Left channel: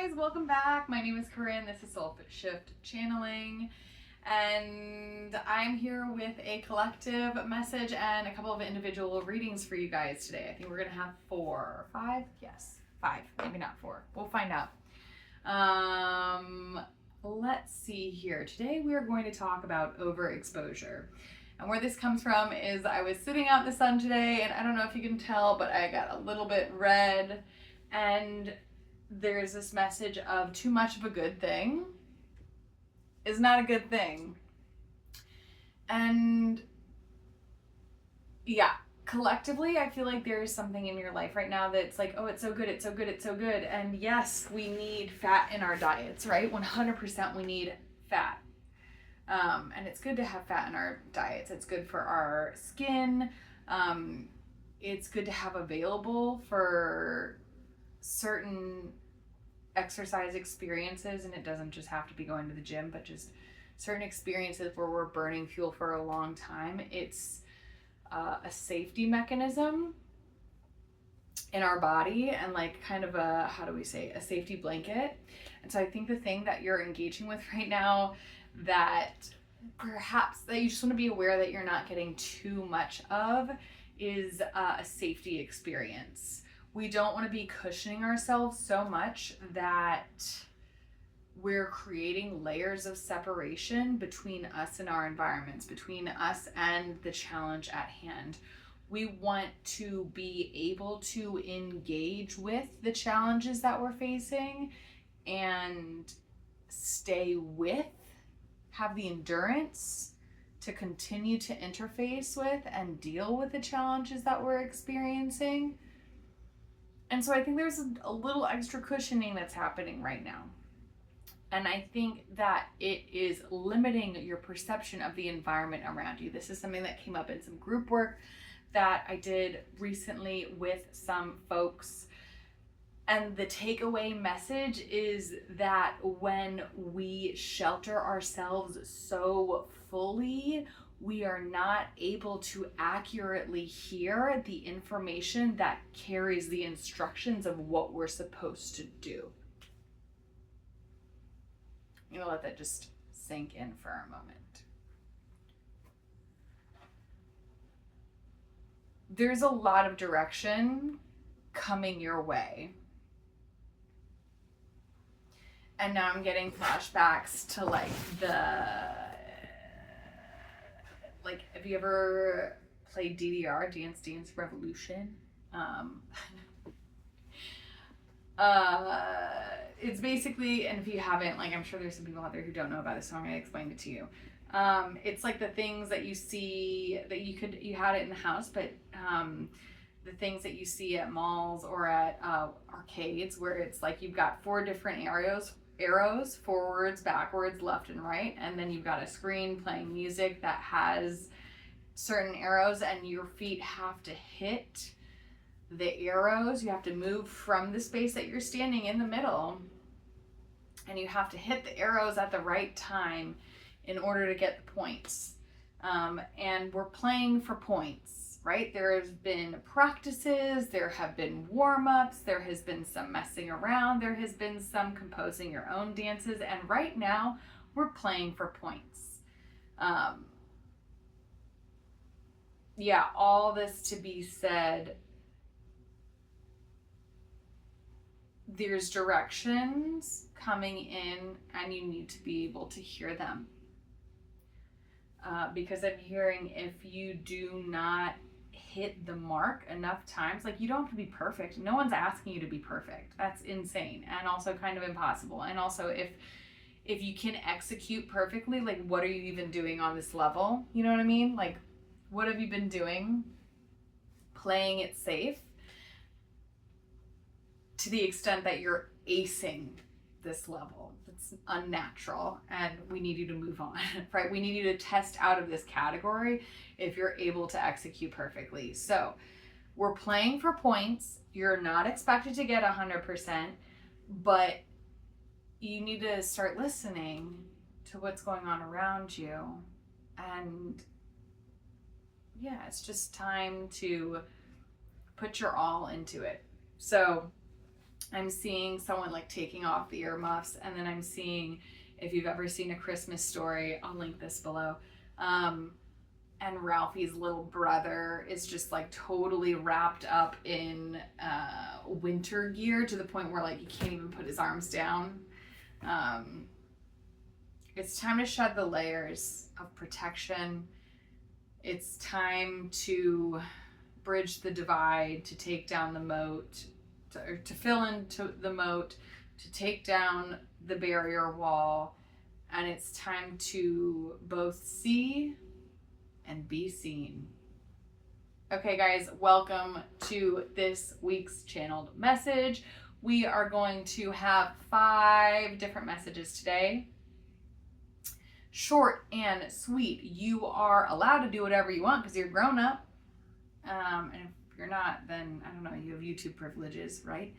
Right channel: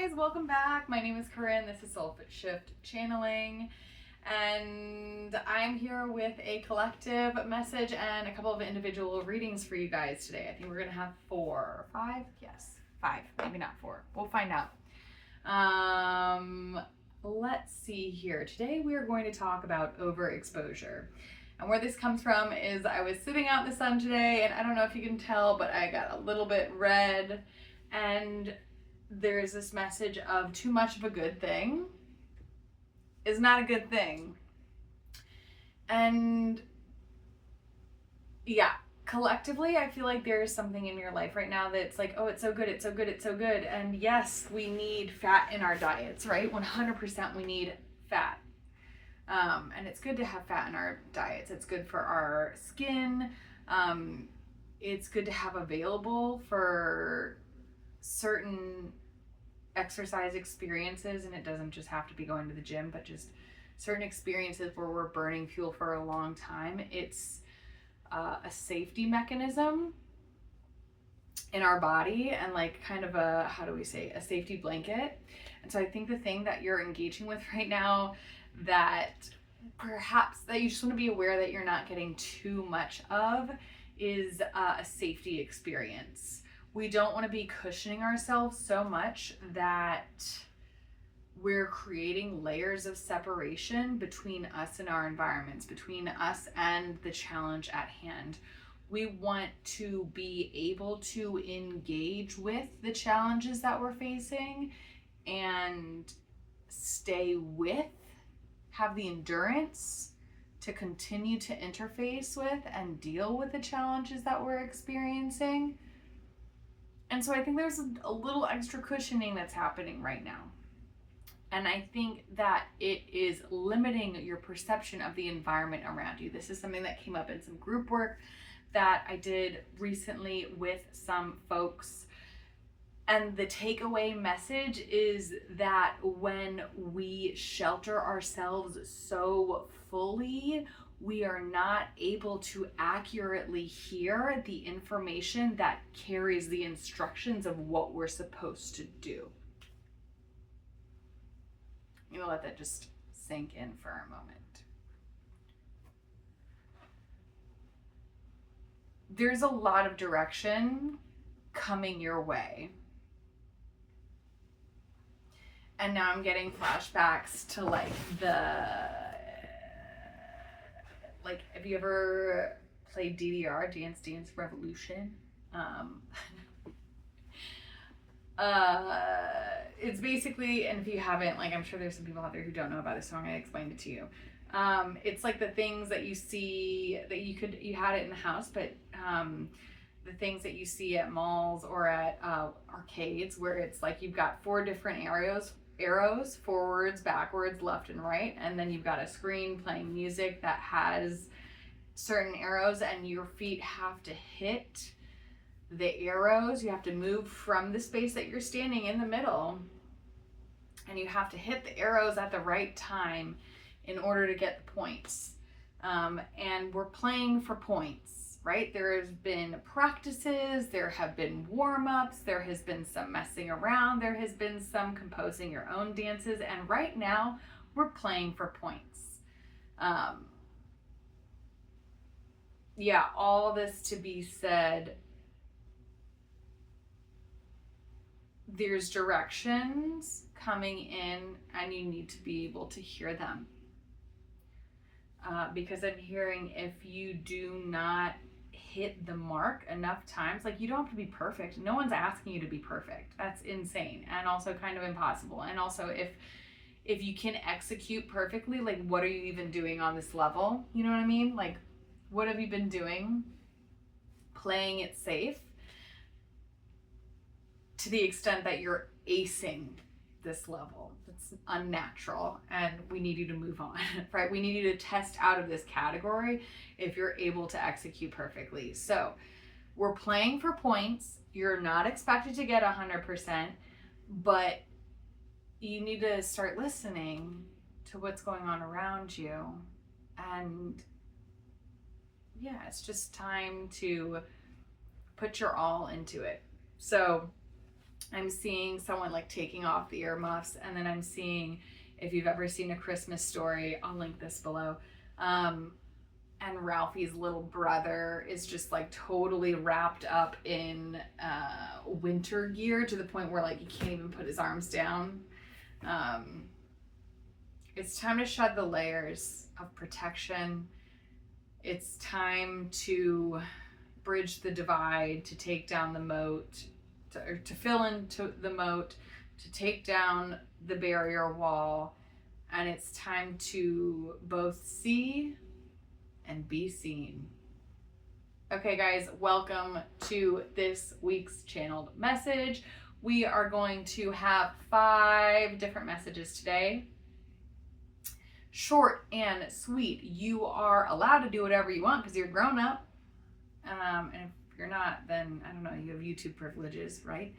guys, welcome back. My name is Corinne. This is Soulshift channeling, and I'm here with a collective message and a couple of individual readings for you guys today. I think we're gonna have 4 or 5. Yes, 5, maybe not 4. We'll find out. Let's see here. Today we are going to talk about overexposure. And where this comes from is I was sitting out in the sun today, and I don't know if you can tell, but I got a little bit red, and there's this message of too much of a good thing is not a good thing. And yeah, collectively, I feel like there is something in your life right now that's like, oh, it's so good, it's so good, it's so good. And yes, we need fat in our diets, right? 100% we need fat. And it's good to have fat in our diets. It's good for our skin. It's good to have available for certain exercise experiences, and it doesn't just have to be going to the gym, but just certain experiences where we're burning fuel for a long time. It's a safety mechanism in our body, and like kind of a, how do we say, a safety blanket. And so I think the thing that you're engaging with right now that perhaps that you just want to be aware that you're not getting too much of is a safety experience. We don't want to be cushioning ourselves so much that we're creating layers of separation between us and our environments, between us and the challenge at hand. We want to be able to engage with the challenges that we're facing and stay with, have the endurance to continue to interface with and deal with the challenges that we're experiencing. And so I think there's a little extra cushioning that's happening right now. And I think that it is limiting your perception of the environment around you. This is something that came up in some group work that I did recently with some folks. And the takeaway message is that when we shelter ourselves so fully, we are not able to accurately hear the information that carries the instructions of what we're supposed to do. I'm gonna let that just sink in for a moment. There's a lot of direction coming your way. And now I'm getting flashbacks to like have you ever played DDR, Dance Revolution? It's basically, and if you haven't, like, I'm sure there's some people out there who don't know about this, so I'm gonna explain it to you. It's like the things that you see that you had it in the house, but the things that you see at malls or at arcades, where it's like you've got 4 different arrows, forwards, backwards, left, and right, and then you've got a screen playing music that has certain arrows, and your feet have to hit the arrows. You have to move from the space that you're standing in the middle, and you have to hit the arrows at the right time in order to get the points. And we're playing for points, right? There has been practices, there have been warm-ups, there has been some messing around, there has been some composing your own dances, and right now we're playing for points. Yeah, all this to be said, there's directions coming in and you need to be able to hear them. Because I'm hearing if you do not hit the mark enough times, like, you don't have to be perfect. No one's asking you to be perfect. That's insane and also kind of impossible. And also if you can execute perfectly, like, what are you even doing on this level? You know what I mean? Like, what have you been doing? Playing it safe to the extent that you're acing this level. It's unnatural, and we need you to move on, right? We need you to test out of this category if you're able to execute perfectly. So we're playing for points. You're not expected to get 100%, but you need to start listening to what's going on around you. And yeah, it's just time to put your all into it. So I'm seeing someone like taking off the earmuffs, and then I'm seeing, if you've ever seen A Christmas Story, I'll link this below, and Ralphie's little brother is just like totally wrapped up in winter gear to the point where like he can't even put his arms down. It's time to shed the layers of protection. It's time to bridge the divide, to take down the moat, to fill into the moat, to take down the barrier wall. And it's time to both see and be seen. Okay, guys, welcome to this week's channeled message. We are going to have 5 different messages today. Short and sweet. You are allowed to do whatever you want because you're grown up. And if you're not, then I don't know, you have YouTube privileges, right?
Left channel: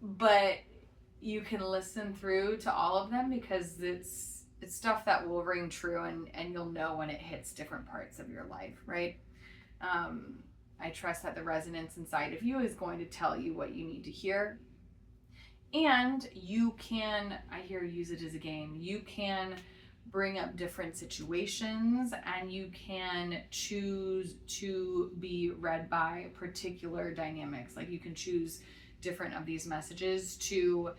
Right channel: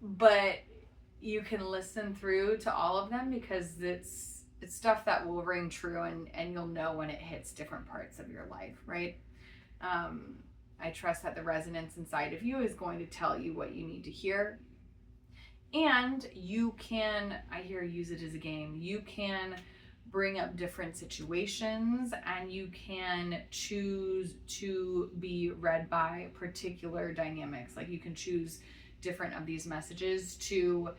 But you can listen through to all of them because it's stuff that will ring true, and you'll know when it hits different parts of your life, right? I trust that the resonance inside of you is going to tell you what you need to hear. And you can, I hear, use it as a game. You can bring up different situations, and you can choose to be read by particular dynamics. Like you can choose different of these messages to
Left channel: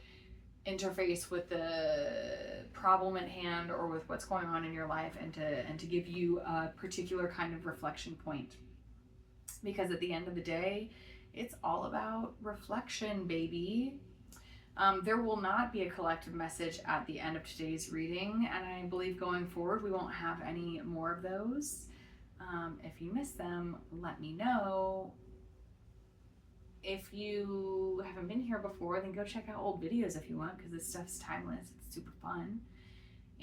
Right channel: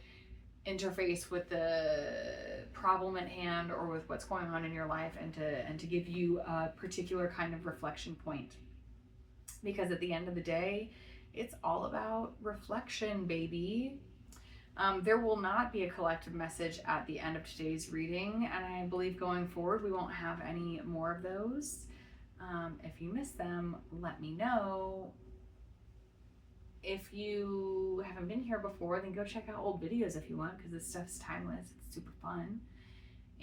interface with the problem at hand or with what's going on in your life, and to give you a particular kind of reflection point. Because at the end of the day, it's all about reflection, baby. There will not be a collective message at the end of today's reading, and I believe going forward we won't have any more of those. If you miss them, let me know. If you haven't been here before, then go check out old videos if you want, because this stuff's timeless. It's super fun.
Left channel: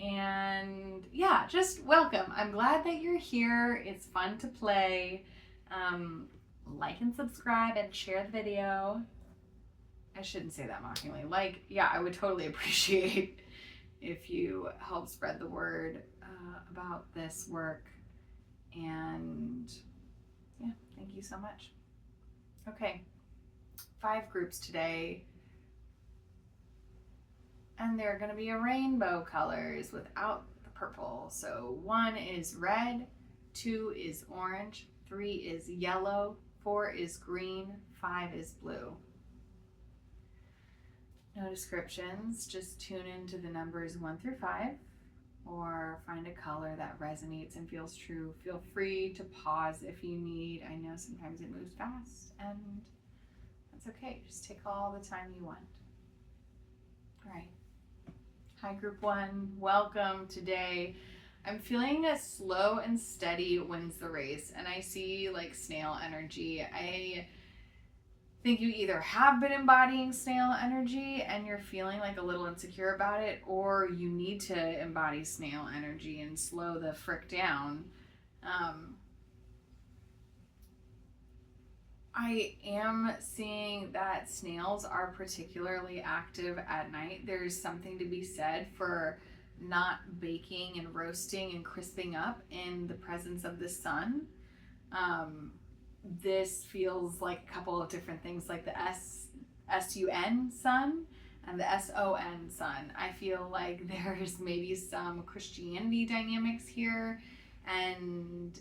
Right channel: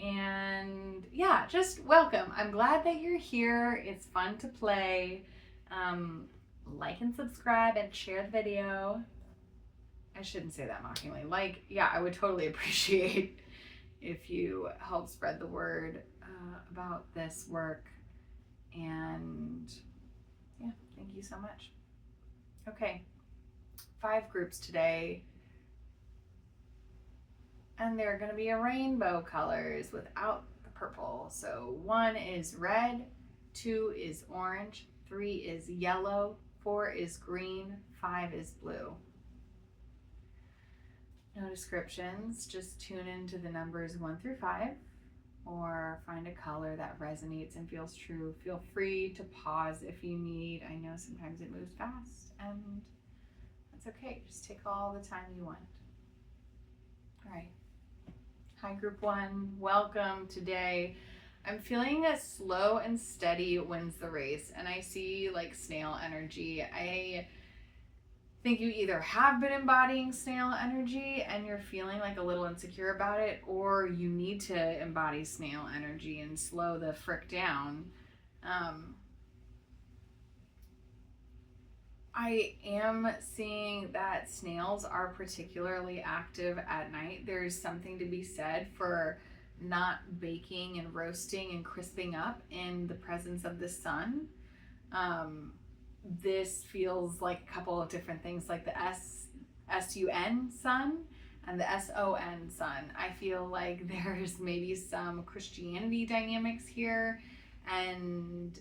And yeah, just welcome. I'm glad that you're here. It's fun to play. Like and subscribe and share the video. I shouldn't say that mockingly. Like, yeah, I would totally appreciate if you help spread the word about this work. And yeah, thank you so much. Okay, 5 groups today. And they're going to be a rainbow colors without the purple. So 1 is red, 2 is orange, 3 is yellow, 4 is green, 5 is blue. No descriptions, just tune into the numbers 1 through 5, or find a color that resonates and feels true. Feel free to pause if you need. I know sometimes it moves fast, and that's okay. Just take all the time you want. All right. Hi, group 1. Welcome today. I'm feeling a slow and steady wins the race, and I see like snail energy. I think you either have been embodying snail energy and you're feeling like a little insecure about it, or you need to embody snail energy and slow the frick down. I am seeing that snails are particularly active at night. There's something to be said for not baking and roasting and crisping up in the presence of the sun. This feels like a couple of different things, like the S-U-N sun and the S-O-N sun. I feel like there's maybe some Christianity dynamics here, and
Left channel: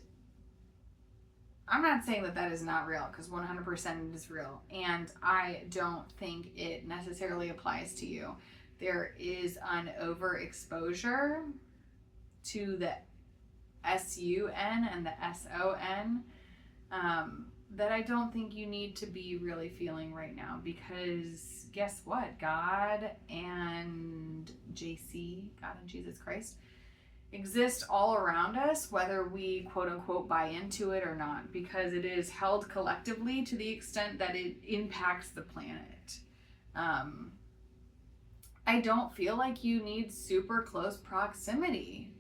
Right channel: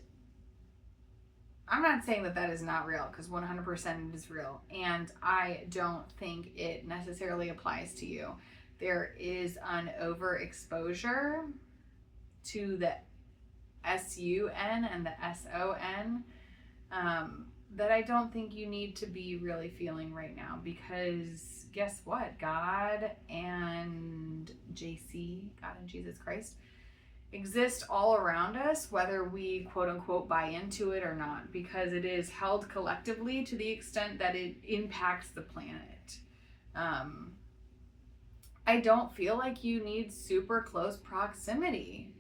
I'm not saying that that is not real, because 100% it is real, and I don't think it necessarily applies to you. There is an overexposure to the S-U-N and the S-O-N that I don't think you need to be really feeling right now, because guess what? God and JC, God and Jesus Christ, exist all around us, whether we quote unquote buy into it or not, because it is held collectively to the extent that it impacts the planet. I don't feel like you need super close proximity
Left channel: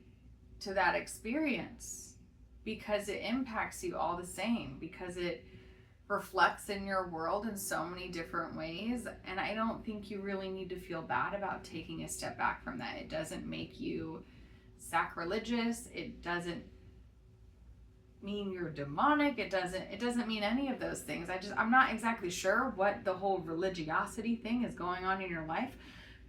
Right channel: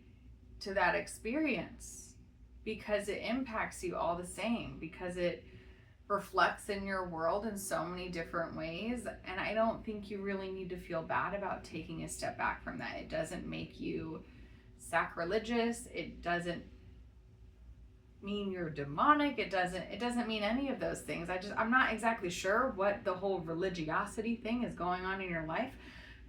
to that experience, because it impacts you all the same, because it reflects in your world in so many different ways. And I don't think you really need to feel bad about taking a step back from that. It doesn't make you sacrilegious. It doesn't mean you're demonic. It doesn't mean any of those things. I'm not exactly sure what the whole religiosity thing is going on in your life,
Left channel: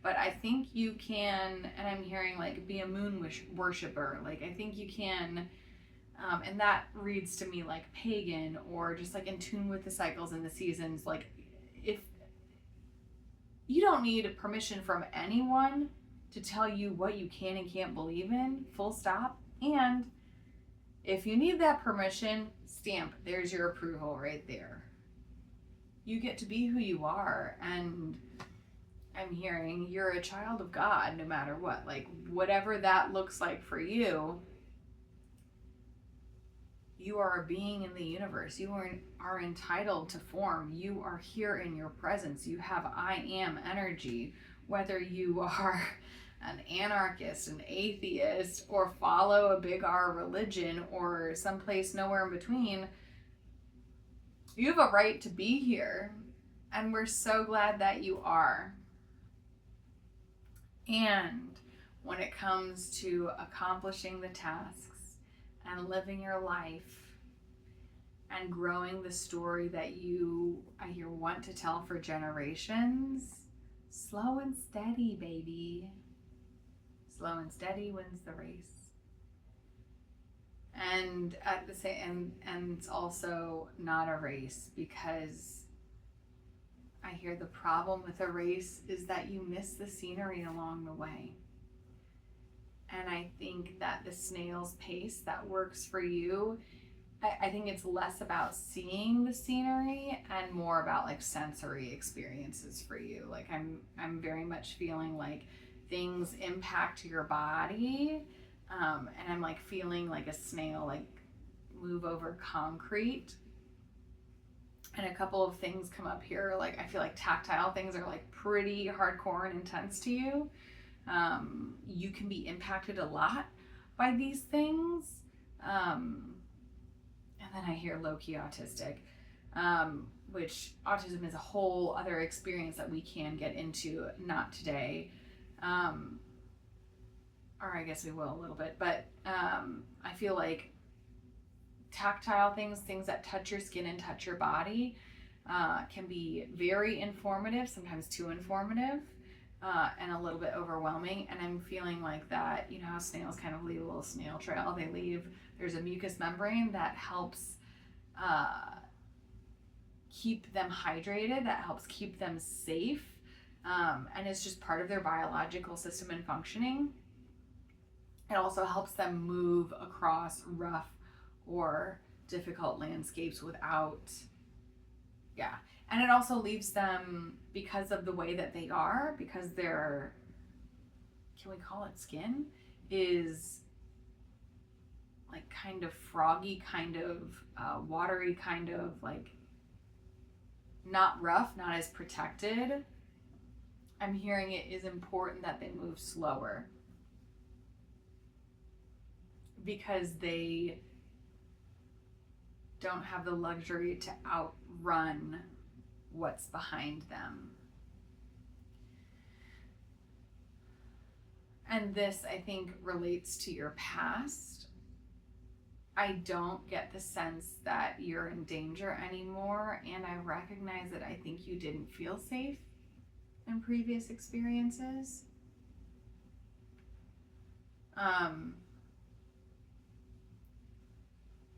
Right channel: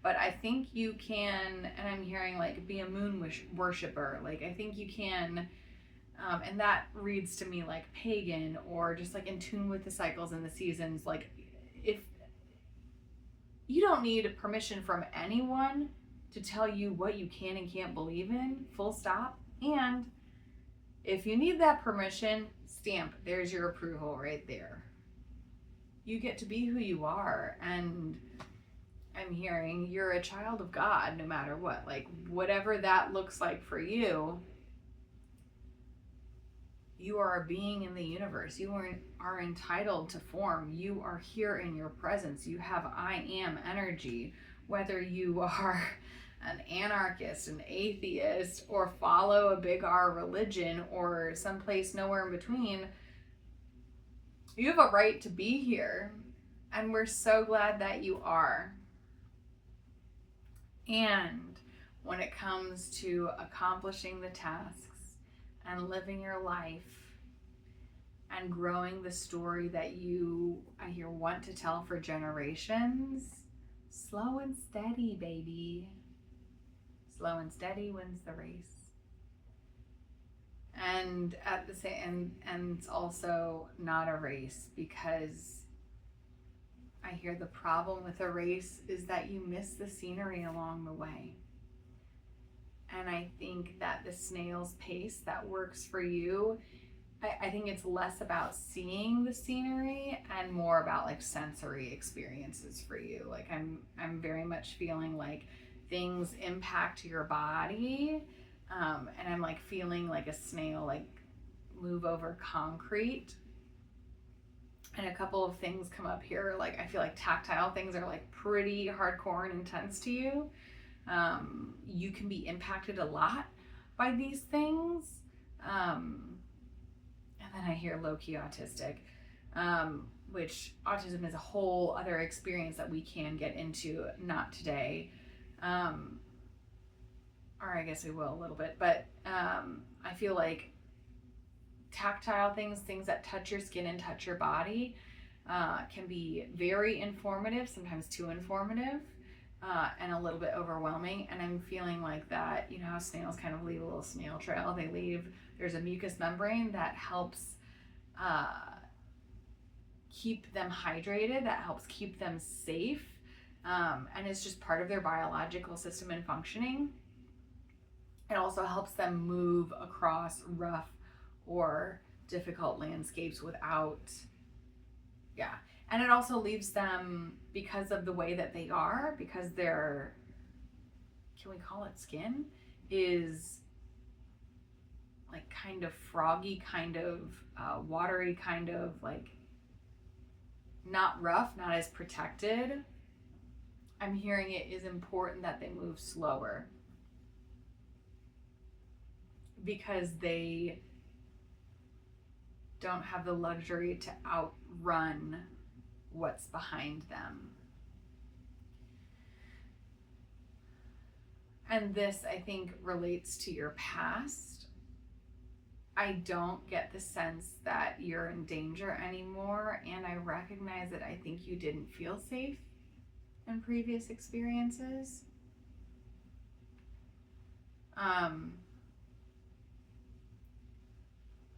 but I think you can, and I'm hearing like be a moon worshiper. Like I think you can, and that reads to me like pagan or just like in tune with the cycles and the seasons. Like if you don't need permission from anyone to tell you what you can and can't believe in, full stop. And if you need that permission, stamp, there's your approval right there. You get to be who you are, and I'm hearing you're a child of God no matter what. Like whatever that looks like for you, you are a being in the universe. You are entitled to form. You are here in your presence. You have I am energy. Whether you are an anarchist, an atheist, or follow a big R religion, or someplace nowhere in between, you have a right to be here. And we're so glad that you are. And when it comes to accomplishing the tasks and living your life and growing the story that you, I hear, want to tell for generations, slow and steady, baby. Slow and steady wins the race. And at the same, and it's also not a race, because I hear the problem with a race is that you miss the scenery along the way. And I think that the snail's pace that works for you, I think it's less about seeing the scenery and more about like sensory experiences for you. Like I'm very much feeling like things impact your body, and I'm like feeling like a snail like move over concrete. And a couple of things come up here, like I feel like tactile things are like pretty hardcore and intense to you. You can be impacted a lot by these things. And then I hear low-key autistic, which autism is a whole other experience that we can get into, not today. Or I guess we will a little bit, but I feel like tactile things that touch your skin and touch your body can be very informative, sometimes too informative, and a little bit overwhelming. And I'm feeling like that, you know how snails kind of leave a little snail trail. There's a mucous membrane that helps keep them hydrated, that helps keep them safe, and it's just part of their biological system and functioning. It also helps them move across rough or difficult landscapes without, and it also leaves them, because of the way that they are, because their, can we call it skin, is like kind of froggy, kind of watery, kind of like not rough, not as protected. I'm hearing it is important that they move slower, because they don't have the luxury to outrun what's behind them. And this, I think, relates to your past. I don't get the sense that you're in danger anymore, and I recognize that I think you didn't feel safe in previous experiences.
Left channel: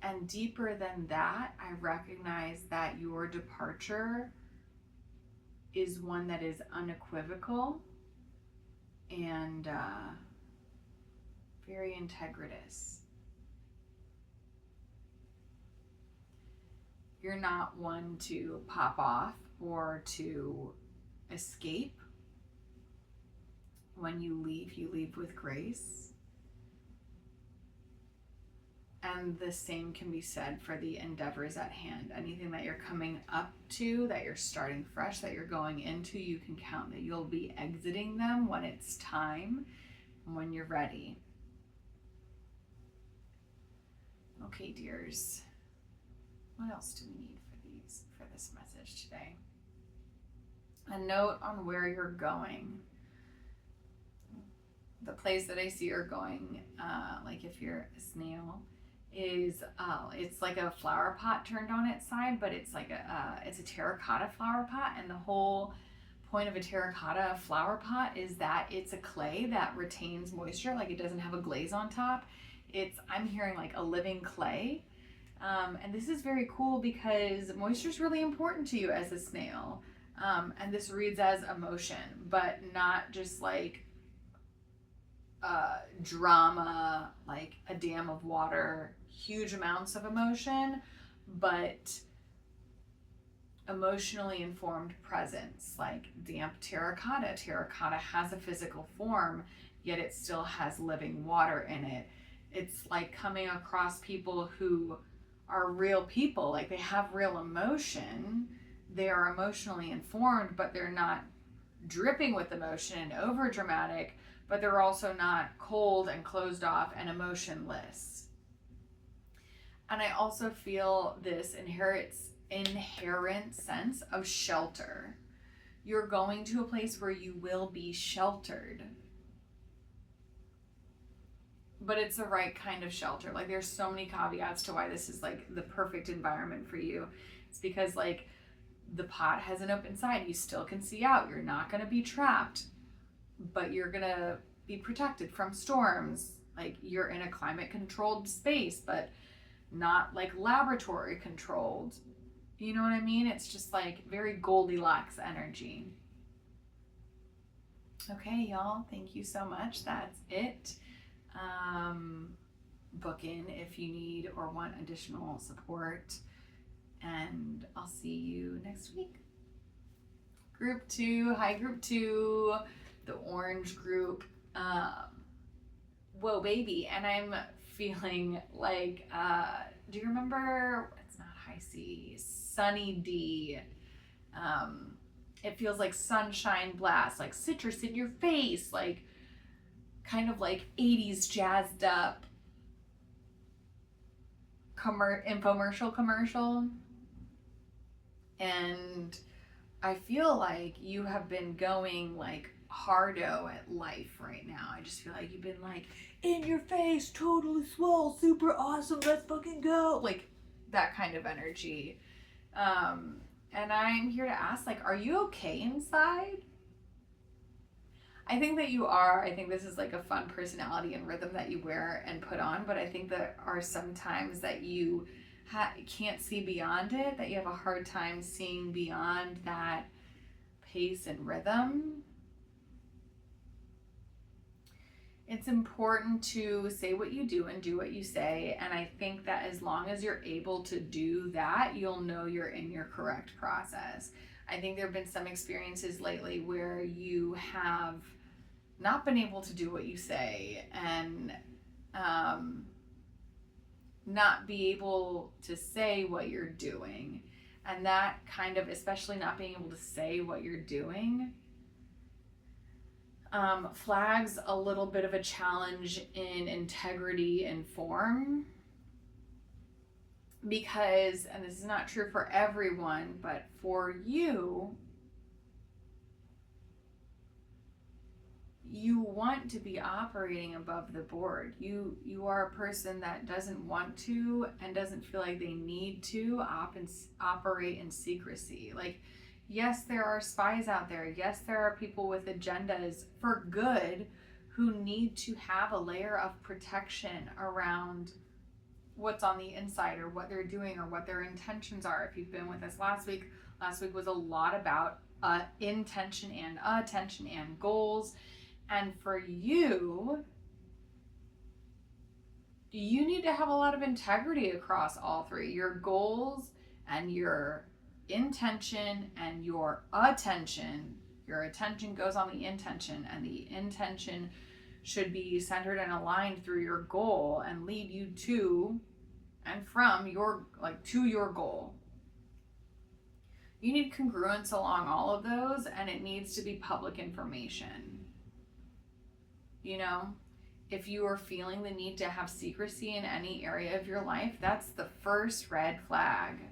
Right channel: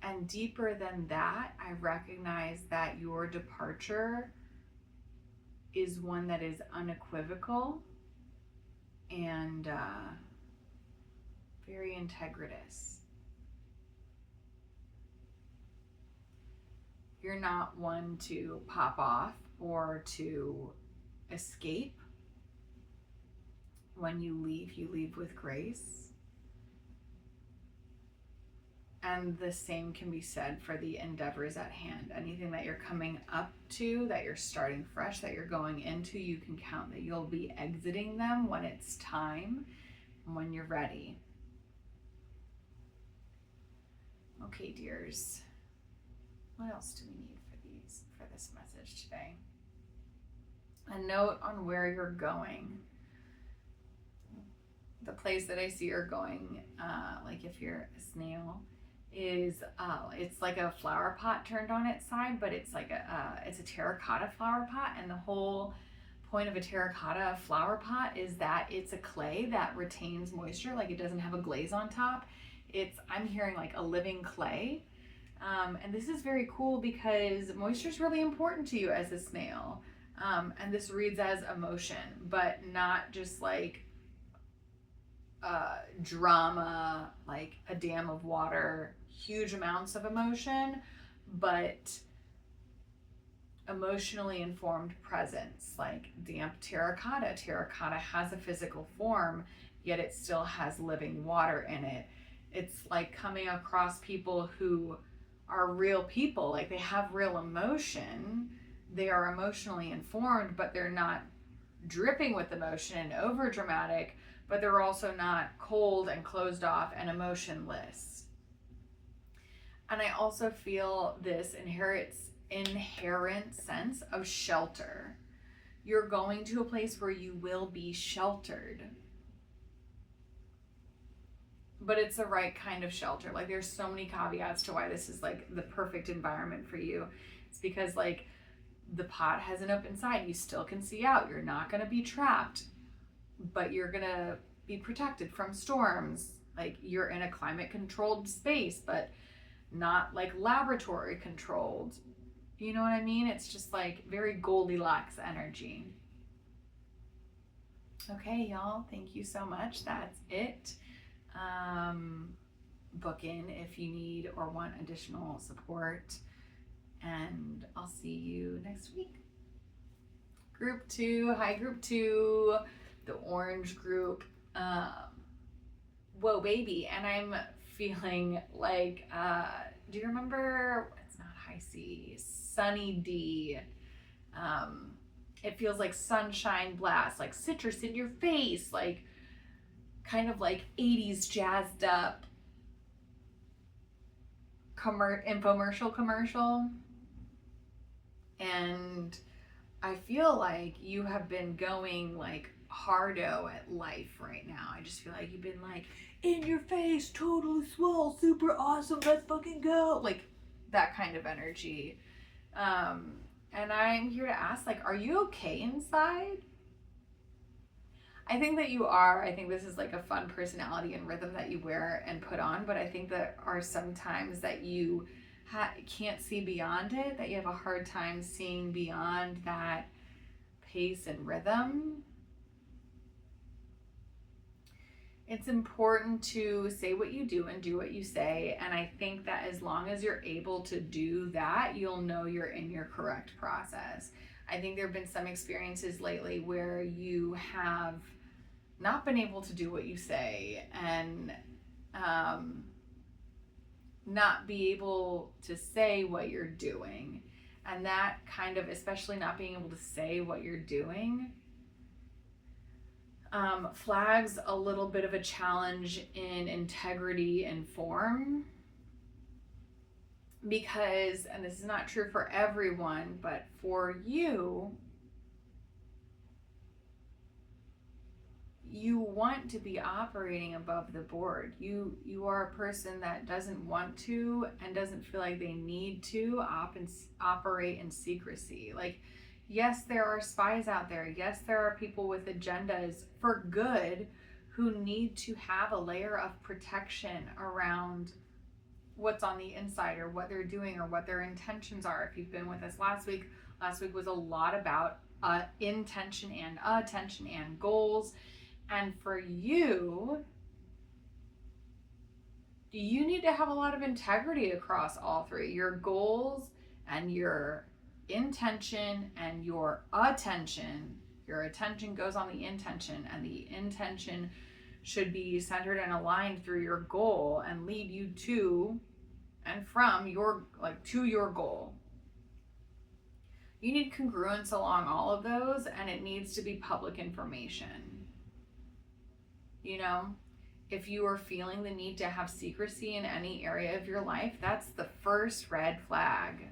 And deeper than that, I recognize that your departure is one that is unequivocal and very integritous. You're not one to pop off or to escape. When you leave with grace. And the same can be said for the endeavors at hand. Anything that you're coming up to, that you're starting fresh, that you're going into, you can count that you'll be exiting them when it's time, when you're ready. Okay, dears. What else do we need for this message today? A note on where you're going. The place that I see you're going, like if you're a snail, is it's like a flower pot turned on its side, but it's like it's a terracotta flower pot, and the whole point of a terracotta flower pot is that it's a clay that retains moisture, like it doesn't have a glaze on top. I'm hearing like a living clay. And this is very cool because moisture is really important to you as a snail. And this reads as emotion, but not just like drama, like a dam of water, huge amounts of emotion, but emotionally informed presence, like damp terracotta. Terracotta has a physical form, yet it still has living water in it. It's like coming across people who are real people, like they have real emotion, they are emotionally informed, but they're not dripping with emotion and over dramatic, but they're also not cold and closed off and emotionless. And I also feel this inherent sense of shelter. You're going to a place where you will be sheltered, but it's the right kind of shelter. Like there's so many caveats to why this is like the perfect environment for you. It's because like the pot has an open side, you still can see out, you're not going to be trapped, but you're going to be protected from storms. Like you're in a climate controlled space, but not like laboratory controlled. You know what I mean? It's just like very Goldilocks energy. Okay, y'all, thank you so much. That's it. Book in if you need or want additional support, and I'll see you next week. Group 2, hi Group 2, the orange group. Whoa baby, and I'm feeling like, do you remember, it's not High C, Sunny D. It feels like sunshine blast, like citrus in your face, like kind of like 80s jazzed up infomercial commercial. And I feel like you have been going like hardo at life right now. I just feel like you've been like in your face, totally swole, super awesome, let's fucking go, like that kind of energy. And I'm here to ask, like, are you okay inside? I think that you are. I think this is like a fun personality and rhythm that you wear and put on, but I think there are some times that you can't see beyond it, that you have a hard time seeing beyond that pace and rhythm. It's important to say what you do and do what you say, and I think that as long as you're able to do that, you'll know you're in your correct process. I think there have been some experiences lately where you have not been able to do what you say, and not be able to say what you're doing. And that kind of, especially not being able to say what you're doing, flags a little bit of a challenge in integrity and form. Because, and this is not true for everyone, but for you, you want to be operating above the board. You are a person that doesn't want to and doesn't feel like they need to operate in secrecy. Like, yes, there are spies out there. Yes, there are people with agendas for good who need to have a layer of protection around what's on the inside or what they're doing or what their intentions are. If you've been with us last week was a lot about intention and attention and goals. And for you, you need to have a lot of integrity across all three: your goals and your intention and your attention. Your attention goes on the intention, and the intention should be centered and aligned through your goal and lead you to and from your, like, to your goal. You need congruence along all of those, and it needs to be public information. You know, if you are feeling the need to have secrecy in any area of your life, that's the first red flag.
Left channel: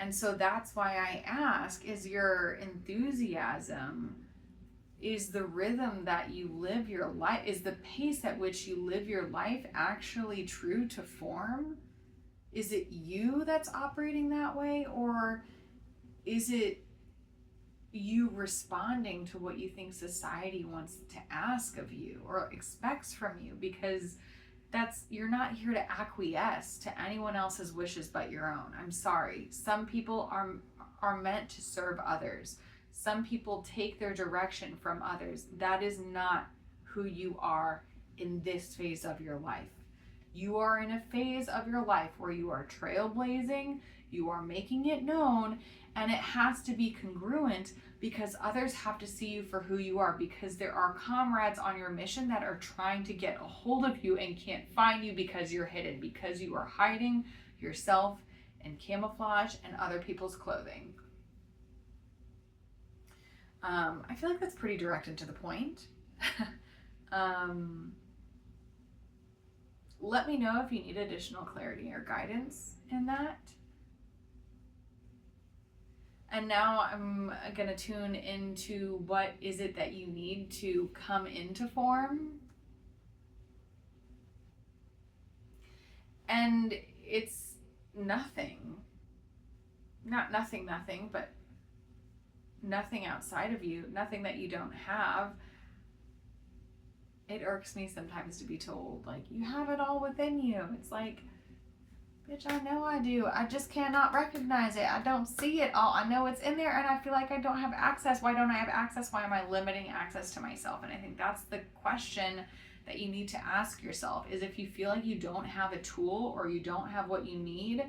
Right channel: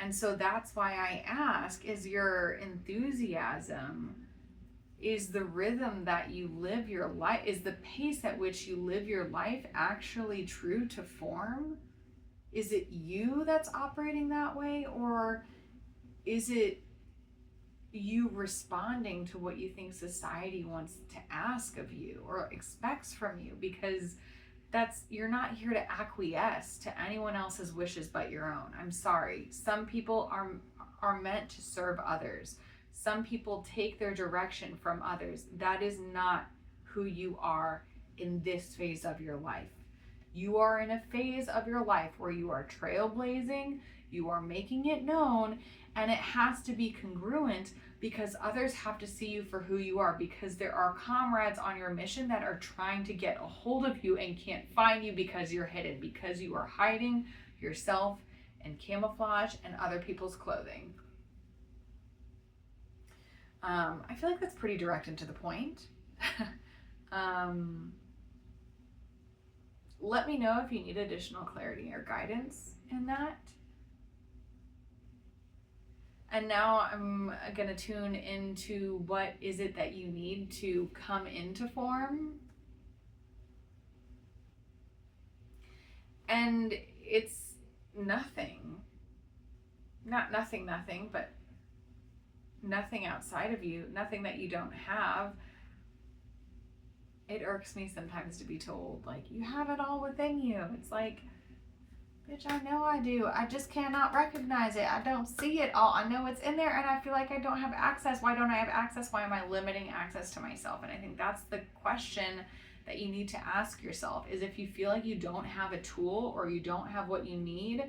And so that's why I ask, is your enthusiasm is the rhythm that you live your life, is the pace at which you live your life actually true to form? Is it you that's operating that way, or is it you responding to what you think society wants to ask of you or expects from you? Because you're not here to acquiesce to anyone else's wishes but your own. I'm sorry. Some people are meant to serve others. Some people take their direction from others. That is not who you are in this phase of your life. You are in a phase of your life where you are trailblazing, you are making it known, and it has to be congruent because others have to see you for who you are, because there are comrades on your mission that are trying to get a hold of you and can't find you because you're hidden, because you are hiding yourself in camouflage and other people's clothing. I feel like that's pretty direct and to the point. Let me know if you need additional clarity or guidance in that. And now I'm going to tune into what is it that you need to come into form. And it's nothing. Not nothing, but nothing outside of you, nothing that you don't have. It irks me sometimes to be told, like, you have it all within you. It's like, bitch, I know I do. I just cannot recognize it. I don't see it all. I know it's in there and I feel like I don't have access. Why don't I have access? Why am I limiting access to myself? And I think that's the question that you need to ask yourself, is if you feel like you don't have a tool or you don't have what you need,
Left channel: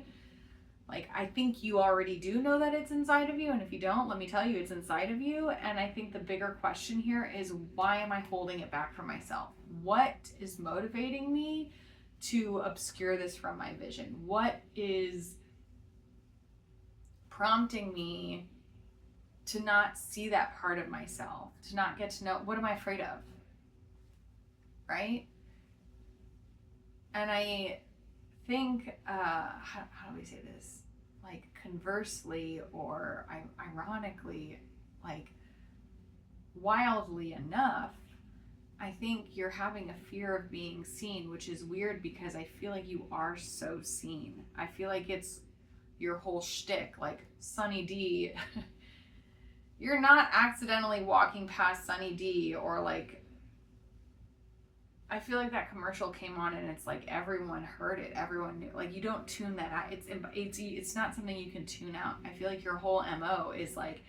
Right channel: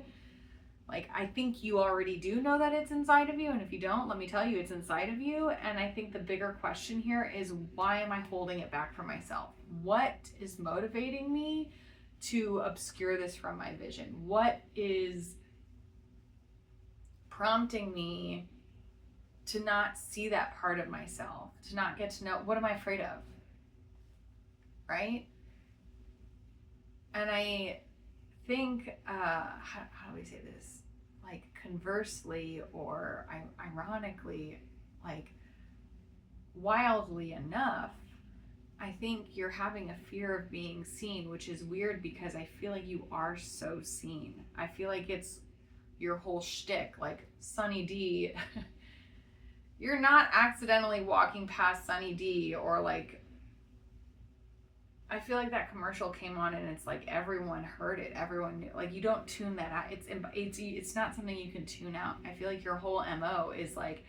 like, I think you already do know that it's inside of you. And if you don't, let me tell you, it's inside of you. And I think the bigger question here is, why am I holding it back from myself? What is motivating me to obscure this from my vision? What is prompting me to not see that part of myself, to not get to know, what am I afraid of? Right? And I think, how do we say this? Like, conversely, or ironically, like, wildly enough, I think you're having a fear of being seen, which is weird because I feel like you are so seen. I feel like it's your whole shtick, like Sunny D. You're not accidentally walking past Sunny D, or like, I feel like that commercial came on and it's like everyone heard it, everyone knew. Like, you don't tune that out. It's not something you can tune out. I feel like your whole MO is like,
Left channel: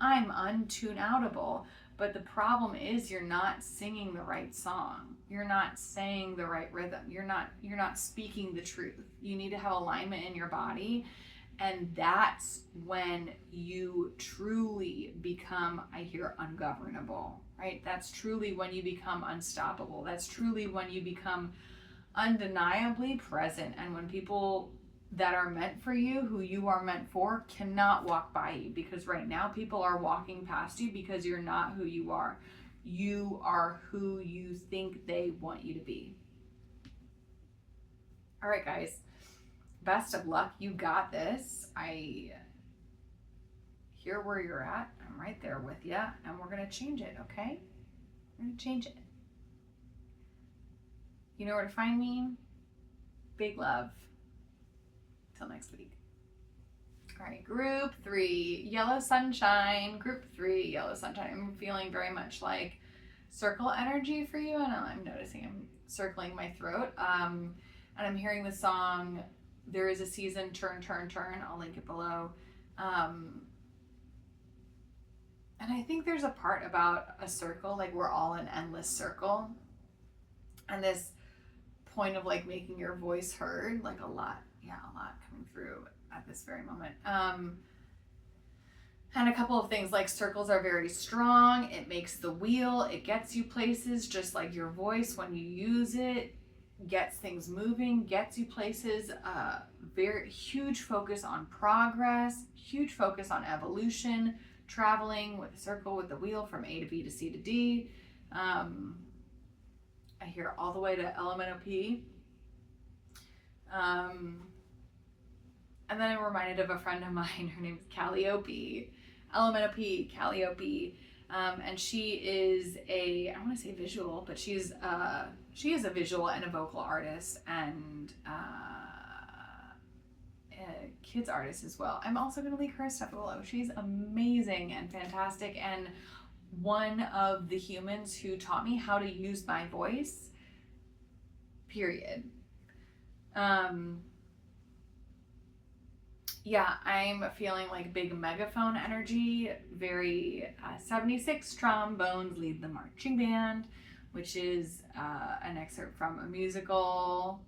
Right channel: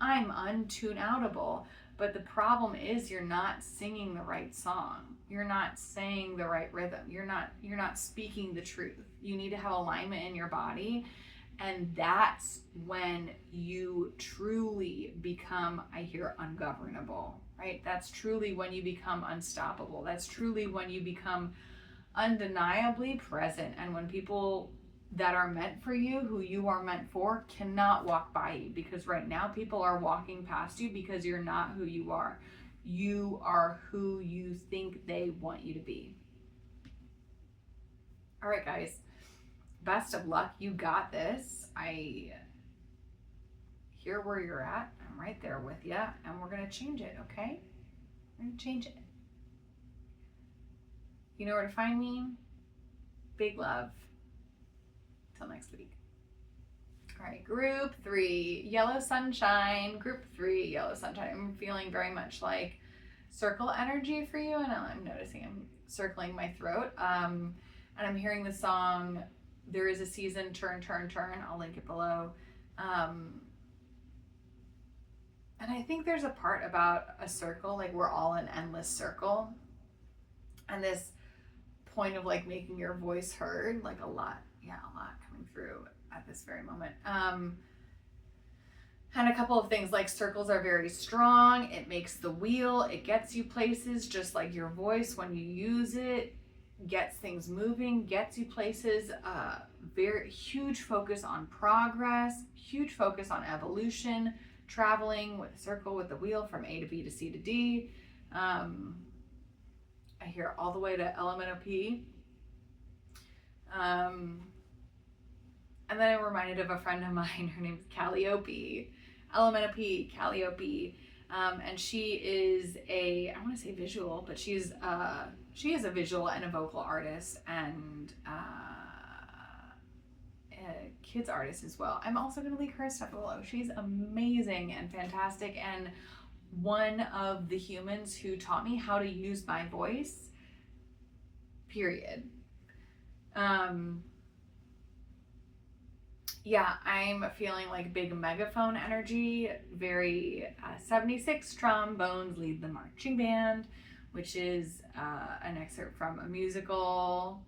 I'm untune-outable. But the problem is you're not singing the right song. You're not saying the right rhythm. You're not speaking the truth. You need to have alignment in your body. And that's when you truly become, I hear, ungovernable, right? That's truly when you become unstoppable. That's truly when you become undeniably present. And when people that are meant for you, who you are meant for, cannot walk by you, because right now people are walking past you because you're not who you are. You are who you think they want you to be. All right, guys, best of luck. You got this. I hear where you're at. I'm right there with you, and we're going to change it, okay? We're going to change it. You know where to find me. Big love. Till next week. All right, group 3, yellow sunshine. Group 3, yellow sunshine. I'm feeling very much like circle energy for you, and I'm noticing I'm circling my throat. And I'm hearing the song, There Is a Season, Turn, Turn, Turn. I'll link it below. And I think there's a part about a circle, like we're all an endless circle. And this point of like making your voice heard, like a lot coming through at this very moment. And a couple of things, like circles are very strong. It makes the wheel, it gets you places, just like your voice, when you use it, gets things moving, gets you places. Very huge focus on progress, huge focus on evolution, traveling with a circle with the wheel from A to B to C to D. I hear all the way to element of P. And then I'm reminded of a friend of mine, her name's Calliope. Element of P, Calliope. And she is I want to say visual, but she is a visual and a vocal artist, and a kids artist as well. I'm also going to link her stuff below. She's amazing and fantastic, and one of the humans who taught me how to use my voice, period. Yeah, I'm feeling like big megaphone energy, very 76 trombones lead the marching band, which is an excerpt from a musical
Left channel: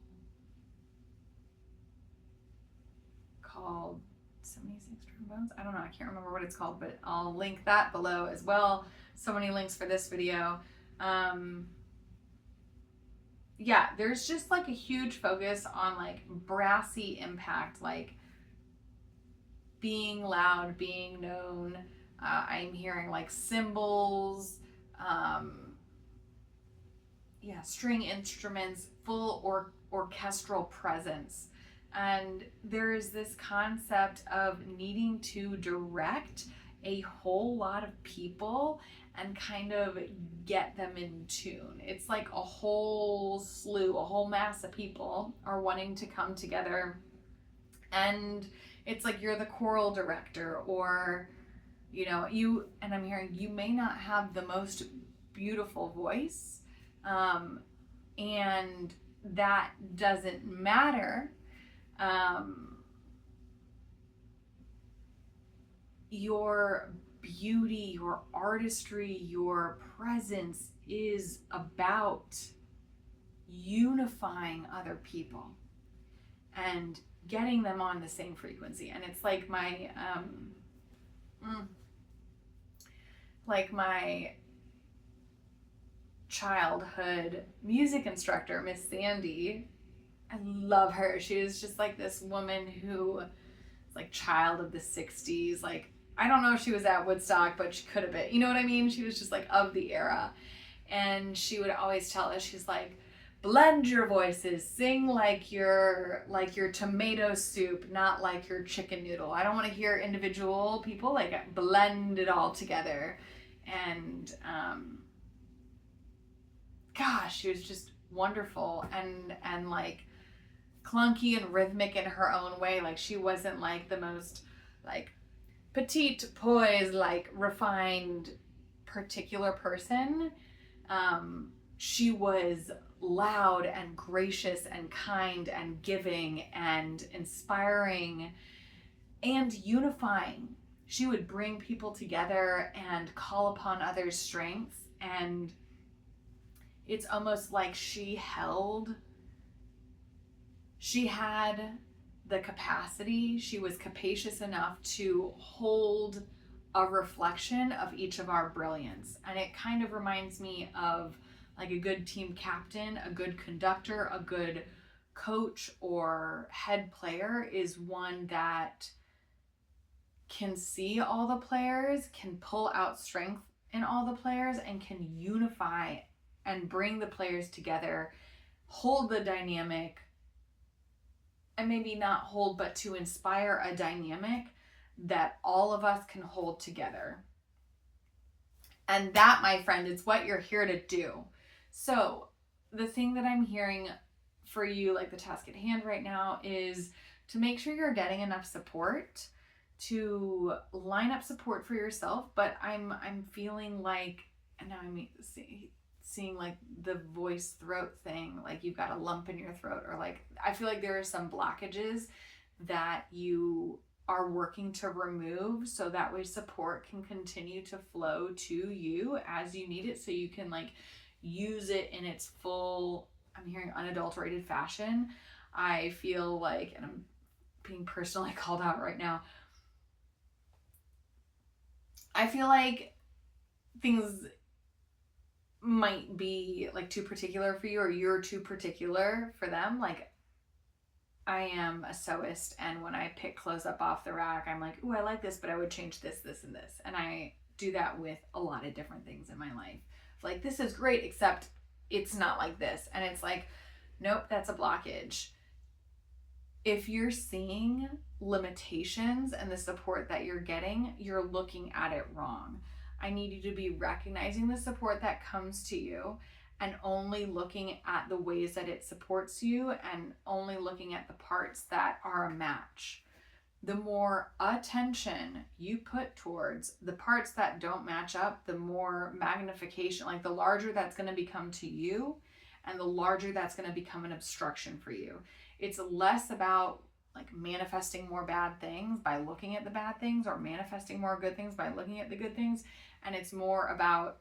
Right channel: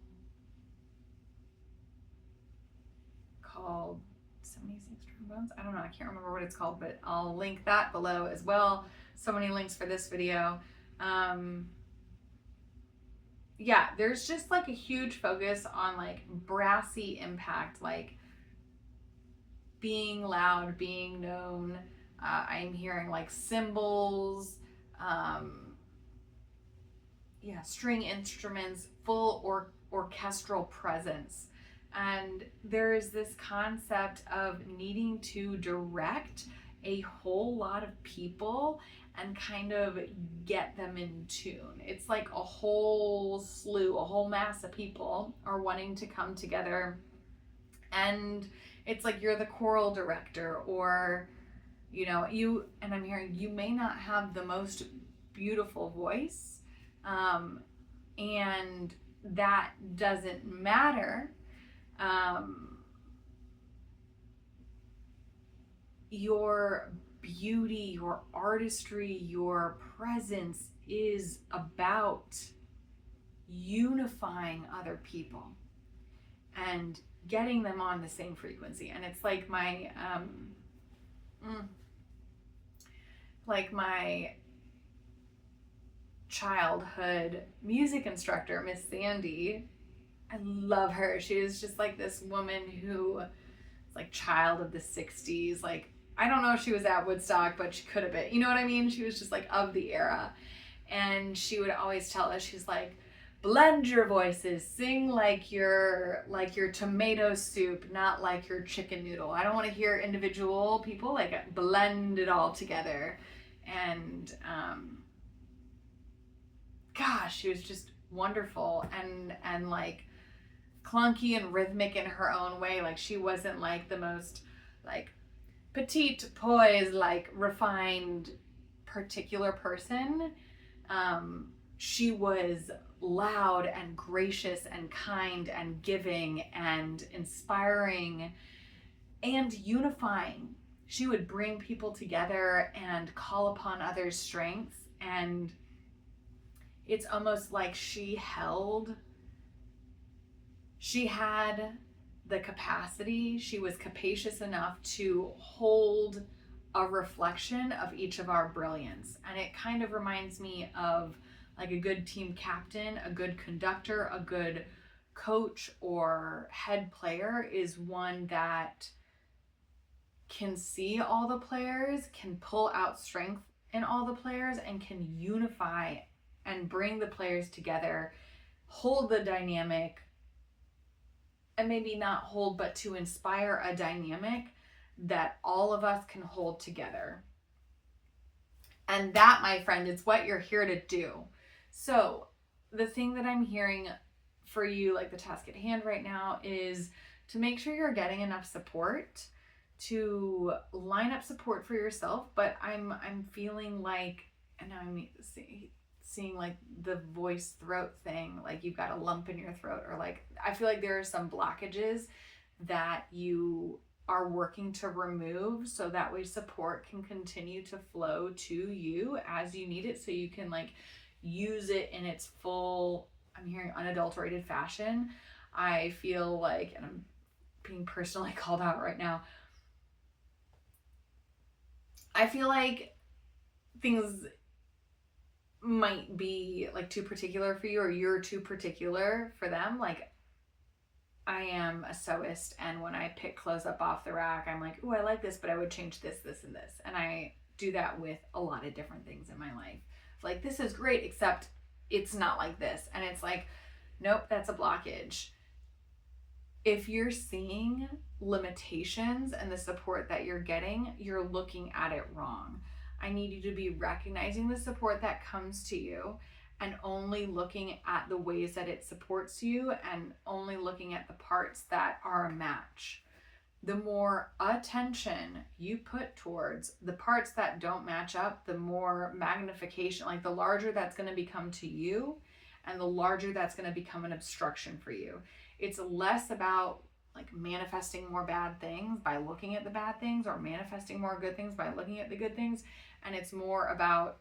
called 76 trombones. I don't know, I can't remember what it's called, but I'll link that below as well. So many links for this video. Yeah, there's just like a huge focus on like brassy impact, like being loud, being known. I'm hearing like cymbals, yeah, string instruments, full orchestral presence. And there is this concept of needing to direct a whole lot of people and kind of get them in tune. It's like a whole slew, a whole mass of people are wanting to come together, and it's like you're the choral director, or and I'm hearing you may not have the most beautiful voice, and that doesn't matter. Your beauty, your artistry, your presence is about unifying other people and getting them on the same frequency. And it's like my childhood music instructor, Miss Sandy. I love her. She was just like this woman who was like child of the 60s. Like, I don't know if she was at Woodstock, but she could have been. You know what I mean? She was just like of the era. And she would always tell us, she's like, blend your voices, sing like your tomato soup, not like your chicken noodle. I don't want to hear individual people, like blend it all together. And gosh, she was just wonderful and like clunky and rhythmic in her own way. Like, she wasn't like the most like petite, poised, like refined particular person. She was loud and gracious and kind and giving and inspiring and unifying. She would bring people together and call upon others' strengths, and it's almost like she had the capacity, she was capacious enough to hold a reflection of each of our brilliance. And it kind of reminds me of like a good team captain, a good conductor, a good coach or head player is one that can see all the players, can pull out strength in all the players, and can unify and bring the players together, hold the dynamic, and maybe not hold, but to inspire a dynamic that all of us can hold together. And that, my friend, is what you're here to do. So the thing that I'm hearing for you, like the task at hand right now, is to make sure you're getting enough support, to line up support for yourself. But I'm feeling like, and now I'm seeing like the voice throat thing, like you've got a lump in your throat, or like I feel like there are some blockages that you are working to remove, so that way support can continue to flow to you as you need it, so you can like use it in its full, I'm hearing unadulterated fashion. I feel like, and I'm being personally called out right now, I feel like things might be like too particular for you, or you're too particular for them. Like, I am a sewist, and when I pick clothes up off the rack, I'm like, ooh, I like this, but I would change this, this, and this. And I do that with a lot of different things in my life. Like, this is great, except it's not like this. And it's like, nope, that's a blockage. If you're seeing limitations and the support that you're getting, you're looking at it wrong. I need you to be recognizing the support that comes to you and only looking at the ways that it supports you and only looking at the parts that are a match. The more attention you put towards the parts that don't match up, the more magnification, like the larger that's going to become to you and the larger that's going to become an obstruction for you. It's less about like manifesting more bad things by looking at the bad things or manifesting more good things by looking at the good things. And it's more about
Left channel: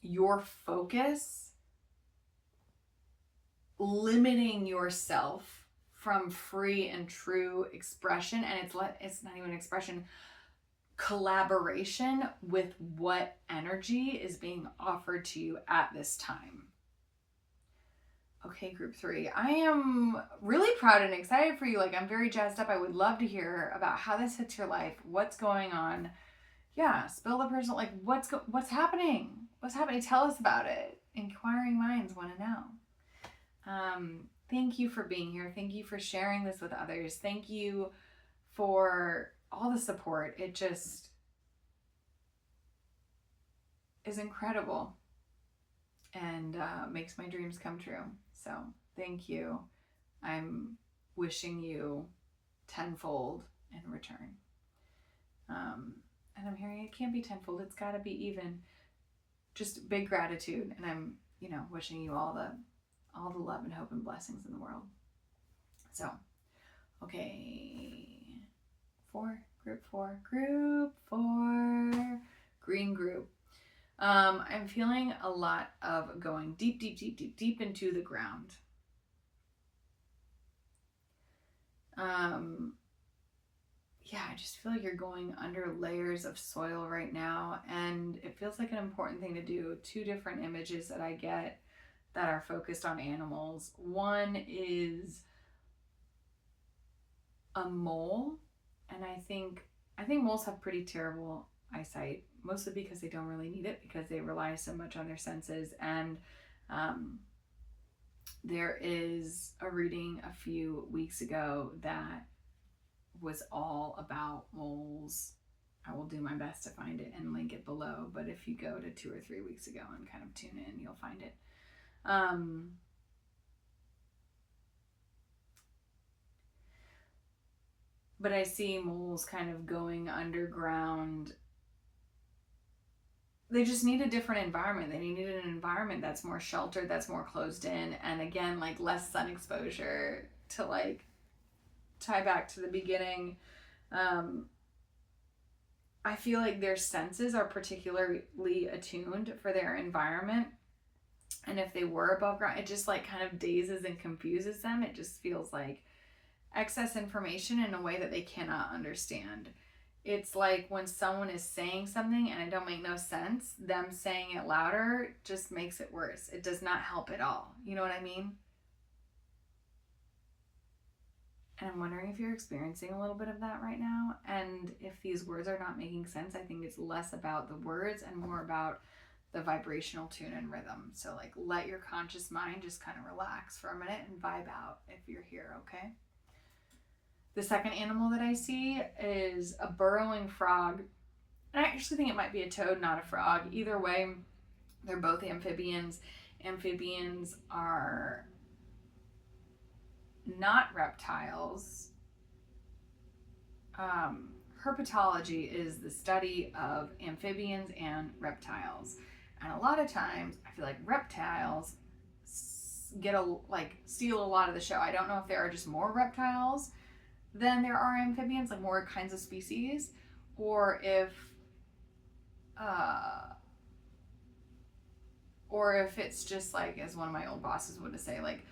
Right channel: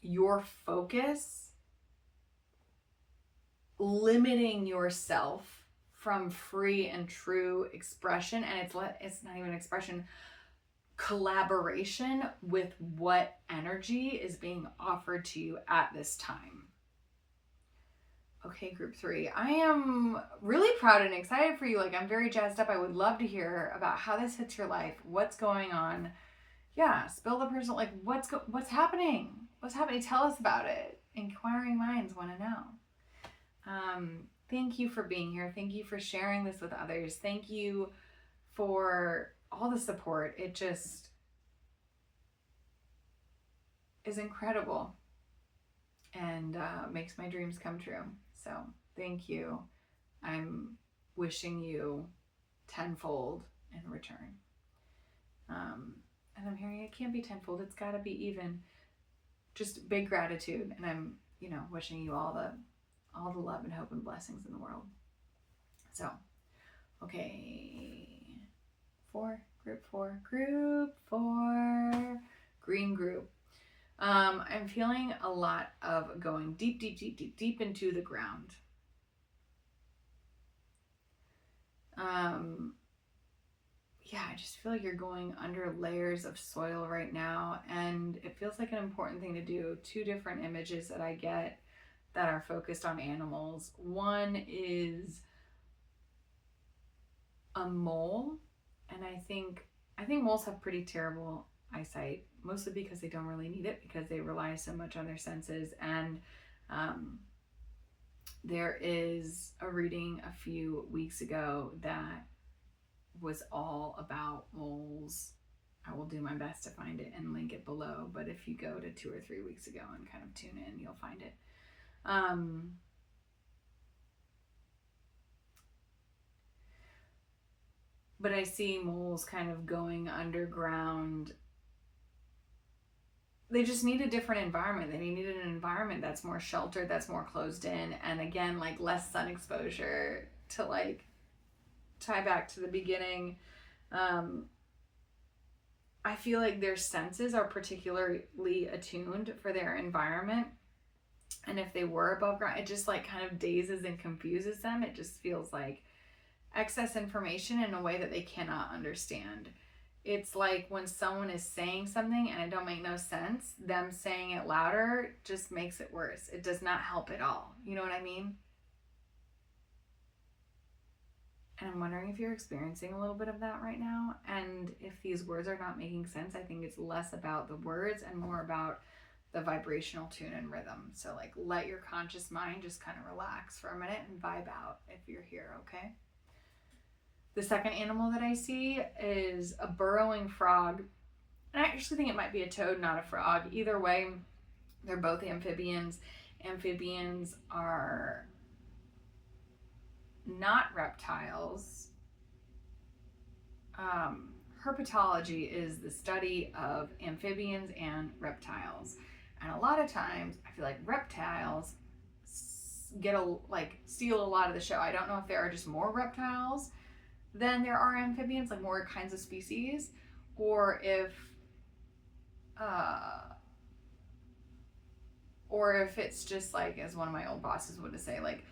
your focus limiting yourself from free and true expression. And it's not even expression, collaboration with what energy is being offered to you at this time. Okay, group 3. I am really proud and excited for you. Like, I'm very jazzed up. I would love to hear about how this hits your life. What's going on? Yeah, spill the personal, like what's happening? What's happening? Tell us about it. Inquiring minds want to know. Thank you for being here. Thank you for sharing this with others. Thank you for all the support. It just is incredible and makes my dreams come true. So thank you. I'm wishing you tenfold in return. And I'm hearing it can't be tenfold. It's got to be even. Just big gratitude. And I'm, wishing you all the love and hope and blessings in the world. So, okay. Group four, green group. I'm feeling a lot of going deep into the ground. Yeah, I just feel like you're going under layers of soil right now, and it feels like an important thing to do. 2 different images that I get that are focused on animals. One is a mole, and I think moles have pretty terrible eyesight, mostly because they don't really need it because they rely so much on their senses. And there is a reading a few weeks ago that was all about moles. I will do my best to find it and link it below, but if you go to 2 or 3 weeks ago and kind of tune in, you'll find it. But I see moles kind of going underground. They just need a different environment. They need an environment that's more sheltered, that's more closed in, and again, like less sun exposure to like tie back to the beginning. I feel like their senses are particularly attuned for their environment. And if they were above ground, it just like kind of dazes and confuses them. It just feels like excess information in a way that they cannot understand. It's like when someone is saying something and it don't make no sense, them saying it louder just makes it worse. It does not help at all. You know what I mean? And I'm wondering if you're experiencing a little bit of that right now. And if these words are not making sense, I think it's less about the words and more about the vibrational tune and rhythm. So like let your conscious mind just kind of relax for a minute and vibe out if you're here, okay? The second animal that I see is a burrowing frog. And I actually think it might be a toad, not a frog. Either way, they're both amphibians. Amphibians are not reptiles. Herpetology is the study of amphibians and reptiles. And a lot of times, I feel like reptiles steal a lot of the show. I don't know if there are just more reptiles than there are amphibians, like more kinds of species, or if it's just like, as one of my old bosses would say, like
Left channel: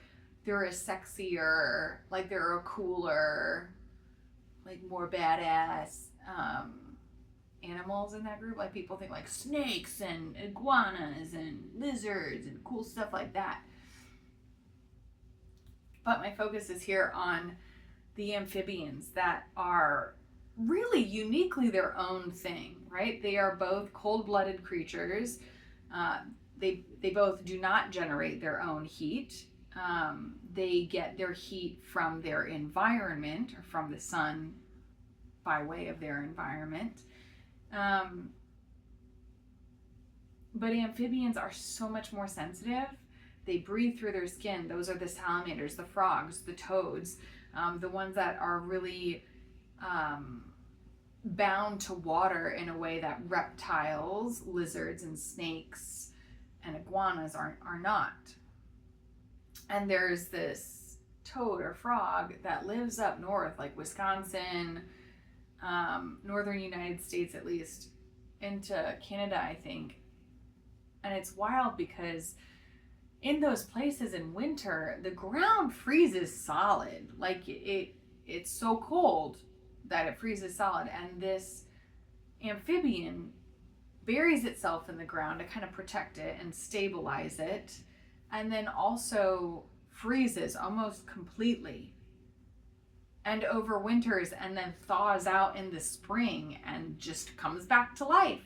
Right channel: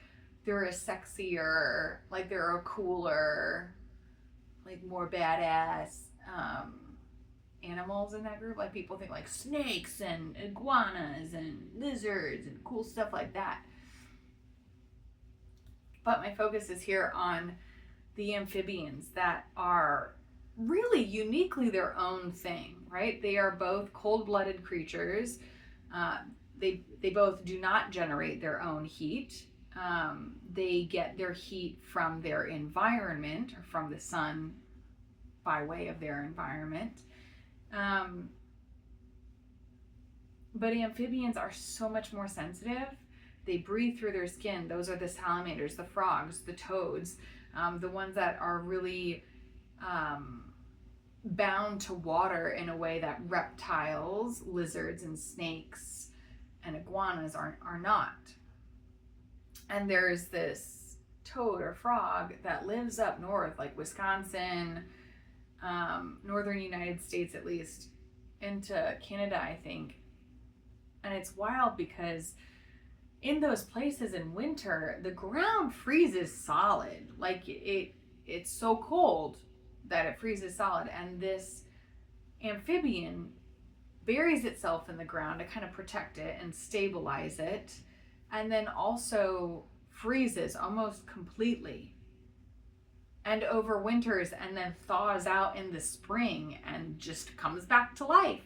they're a sexier, like they're a cooler, like more badass animals in that group. Like people think like snakes and iguanas and lizards and cool stuff like that. But my focus is here on the amphibians that are really uniquely their own thing, right? They are both cold-blooded creatures. They both do not generate their own heat. They get their heat from their environment or from the sun by way of their environment. But amphibians are so much more sensitive. They breathe through their skin. Those are the salamanders, the frogs, the toads, the ones that are really bound to water in a way that reptiles, lizards, and snakes and iguanas are not. And there's this toad or frog that lives up north, like Wisconsin, northern United States at least, into Canada, I think. And it's wild because in those places in winter, the ground freezes solid. Like it's so cold that it freezes solid. And this amphibian buries itself in the ground to kind of protect it and stabilize it, and then also freezes almost completely and overwinters, and then thaws out in the spring and just comes back to life.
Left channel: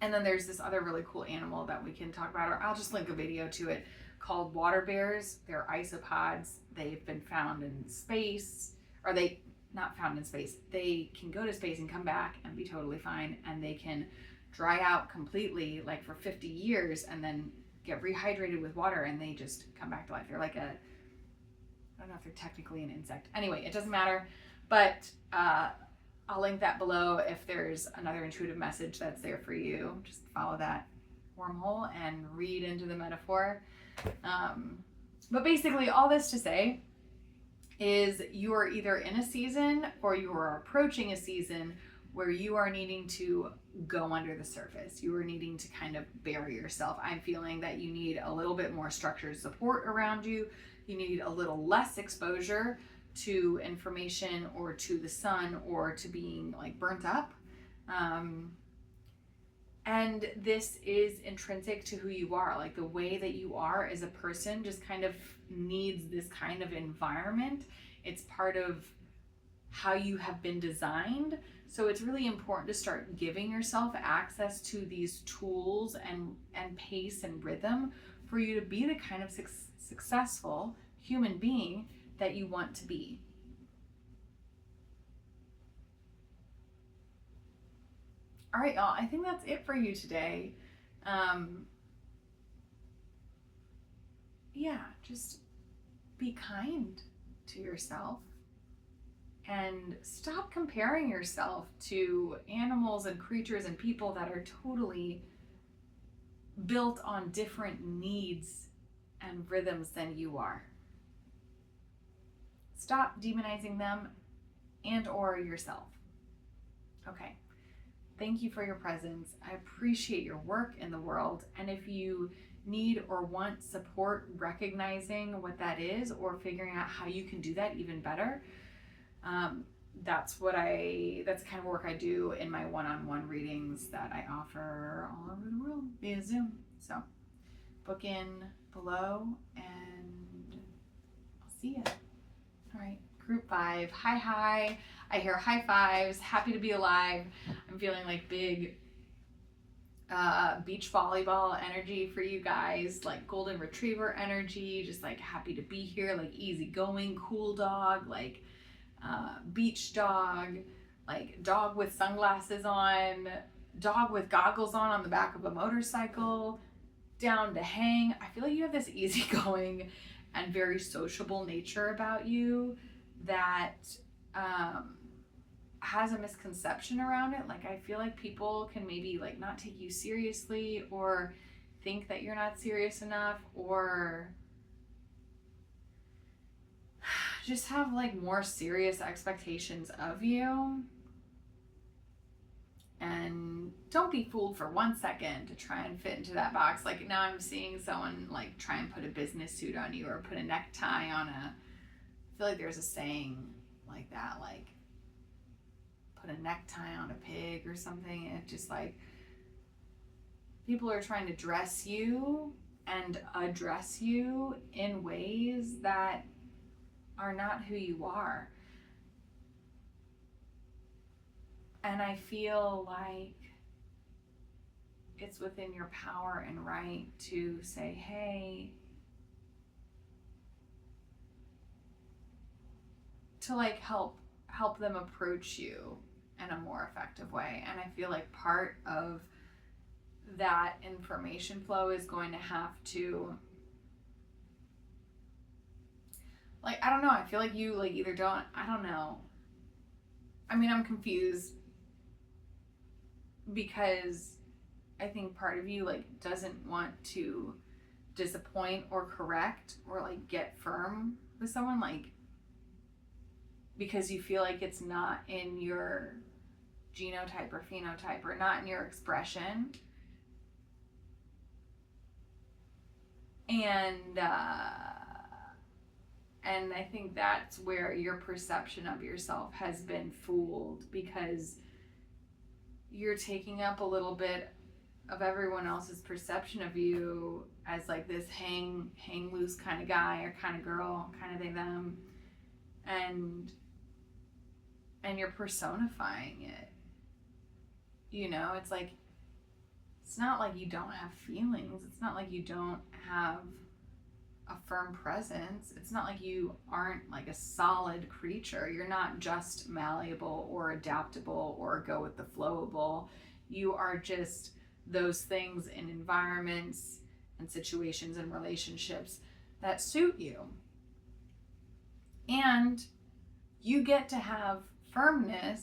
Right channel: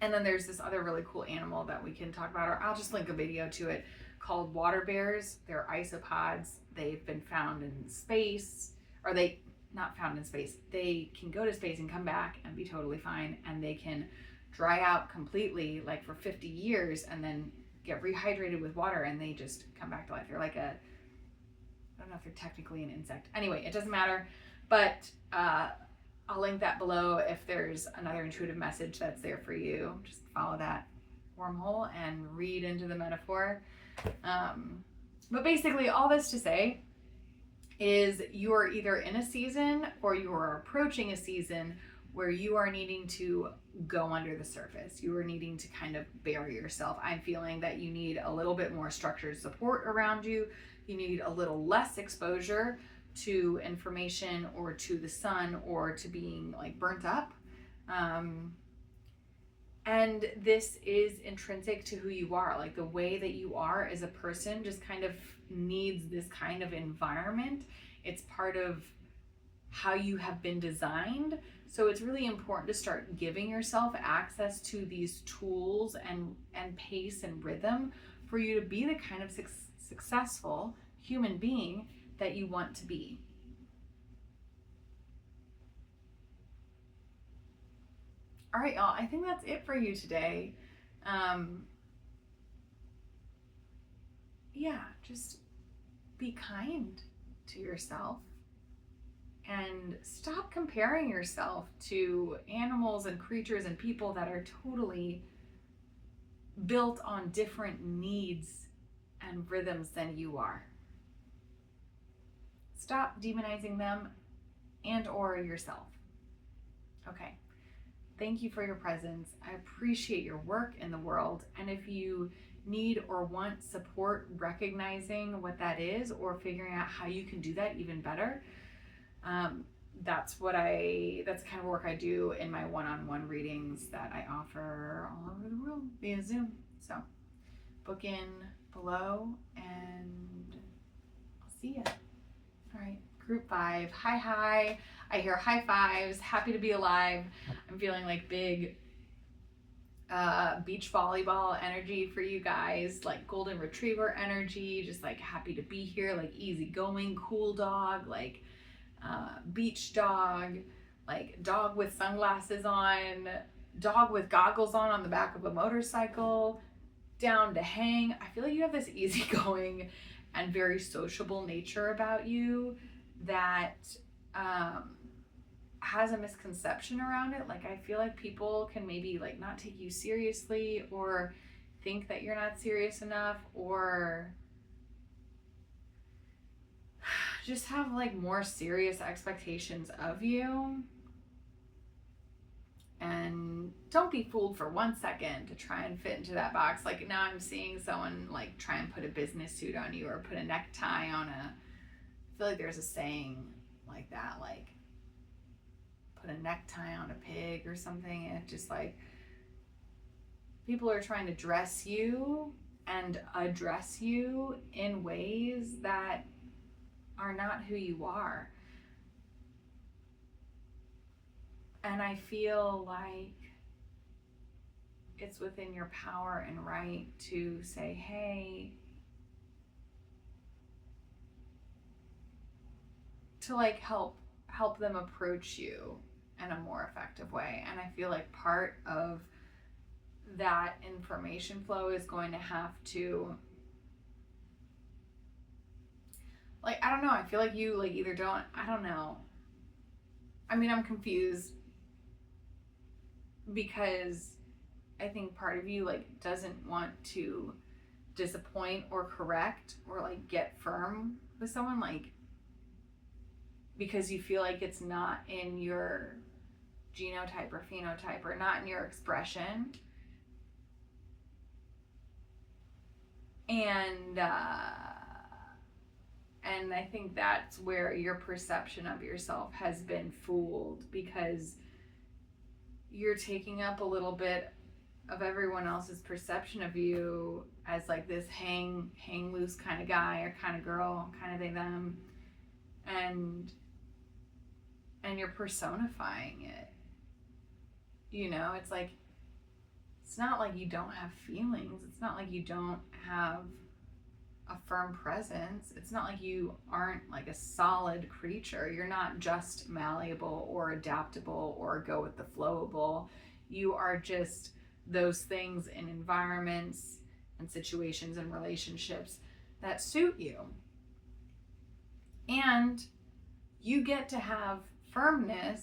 And then there's this other really cool animal that we can talk about, or I'll just link a video to it, called water bears. They're isopods. They've been found in space, or they not found in space. They can go to space and come back and be totally fine, and they can dry out completely, like for 50 years, and then get rehydrated with water, and they just come back to life. They're like I don't know if they're technically an insect. Anyway, it doesn't matter, but I'll link that below if there's another intuitive message that's there for you. Just follow that wormhole and read into the metaphor. But basically, all this to say is you are either in a season or you are approaching a season where you are needing to go under the surface. You are needing to kind of bury yourself. I'm feeling that you need a little bit more structured support around you. You need a little less exposure to information or to the sun or to being like burnt up. And this is intrinsic to who you are. Like the way that you are as a person just kind of needs this kind of environment. It's part of how you have been designed. So it's really important to start giving yourself access to these tools and pace and rhythm for you to be the kind of successful human being that you want to be. All right, y'all, I think that's it for you today. Yeah, just be kind to yourself and stop comparing yourself to animals and creatures and people that are totally built on different needs and rhythms than you are. Stop demonizing them and or yourself. Okay. Thank you for your presence. I appreciate your work in the world. And if you need or want support recognizing what that is or figuring out how you can do that even better, that's the kind of work I do in my one-on-one readings that I offer all over the world via Zoom. So book in below and I'll see you. All right, group 5, hi. I hear high fives, happy to be alive. I'm feeling like big beach volleyball energy for you guys, like golden retriever energy, just like happy to be here, like easygoing, cool dog, like beach dog, like dog with sunglasses on, dog with goggles on the back of a motorcycle, down to hang. I feel like you have this easygoing and very sociable nature about you that has a misconception around it. Like I feel like people can maybe like not take you seriously or think that you're not serious enough or just have like more serious expectations of you. And don't be fooled for 1 second to try and fit into that box. Like now I'm seeing someone like try and put a business suit on you or put a necktie on I feel like there's a saying like that, like put a necktie on a pig or something. And it's just like people are trying to dress you and address you in ways that are not who you are. And I feel like it's within your power and right to say, hey, to like help them approach you in a more effective way. And I feel like part of that information flow is going to have to, like, I don't know, I feel like you like either don't, I don't know. I mean, I'm confused because I think part of you like doesn't want to disappoint or correct or like get firm with someone, like, because you feel like it's not in your genotype or phenotype or not in your expression. And I think that's where your perception of yourself has been fooled, because you're taking up a little bit of everyone else's perception of you as like this hang loose kind of guy or kind of girl, kind of they them, and you're personifying it. You know, it's like, it's not like you don't have feelings. It's not like you don't have a firm presence. It's not like you aren't like a solid creature. You're not just malleable or adaptable or go with the flowable. You are just those things in environments and situations and relationships that suit you. And you get to have firmness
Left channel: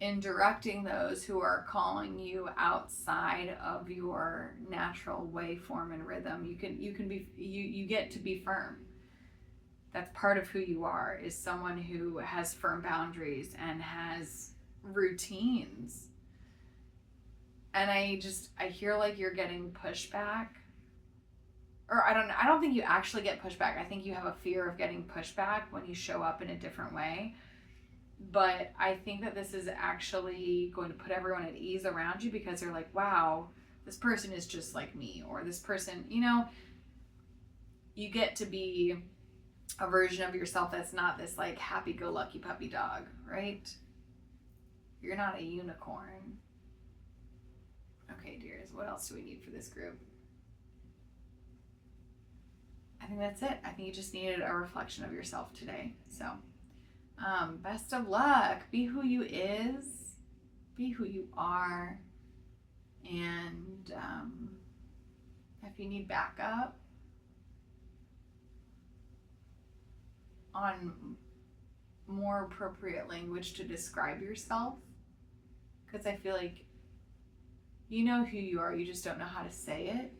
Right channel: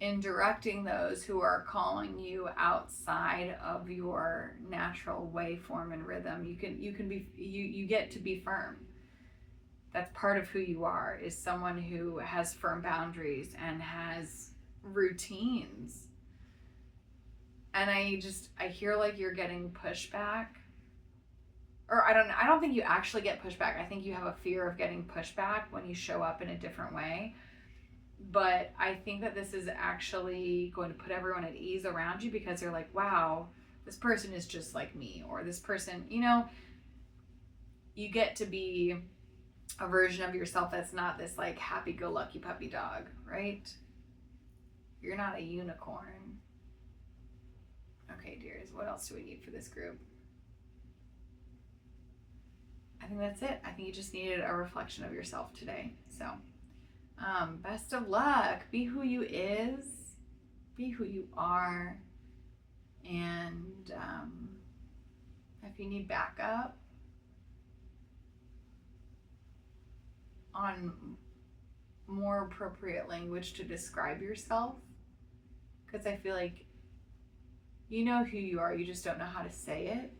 in directing those who are calling you outside of your natural waveform and rhythm. You get to be firm. That's part of who you are, is someone who has firm boundaries and has routines. And I hear like you're getting pushback. Or I don't think you actually get pushback. I think you have a fear of getting pushback when you show up in a different way. But I think that this is actually going to put everyone at ease around you, because they're like, wow, this person is just like me, or this person, you know, you get to be a version of yourself that's not this like happy-go-lucky puppy dog, right? You're not a unicorn. Okay, dears, what else do we need for this group? I think that's it. I think you just needed a reflection of yourself today. So best of luck. Be who you is. Be who you are. And if you need backup on more appropriate language to describe yourself, because I feel like you know who you are, you just don't know how to say it.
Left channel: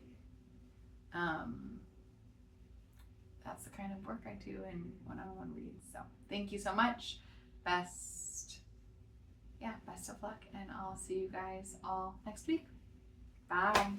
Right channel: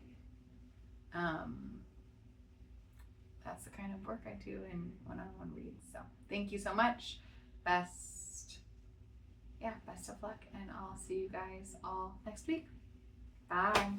That's the kind of work I do in one-on-one reads. So thank you so much. Best of luck, and I'll see you guys all next week. Bye.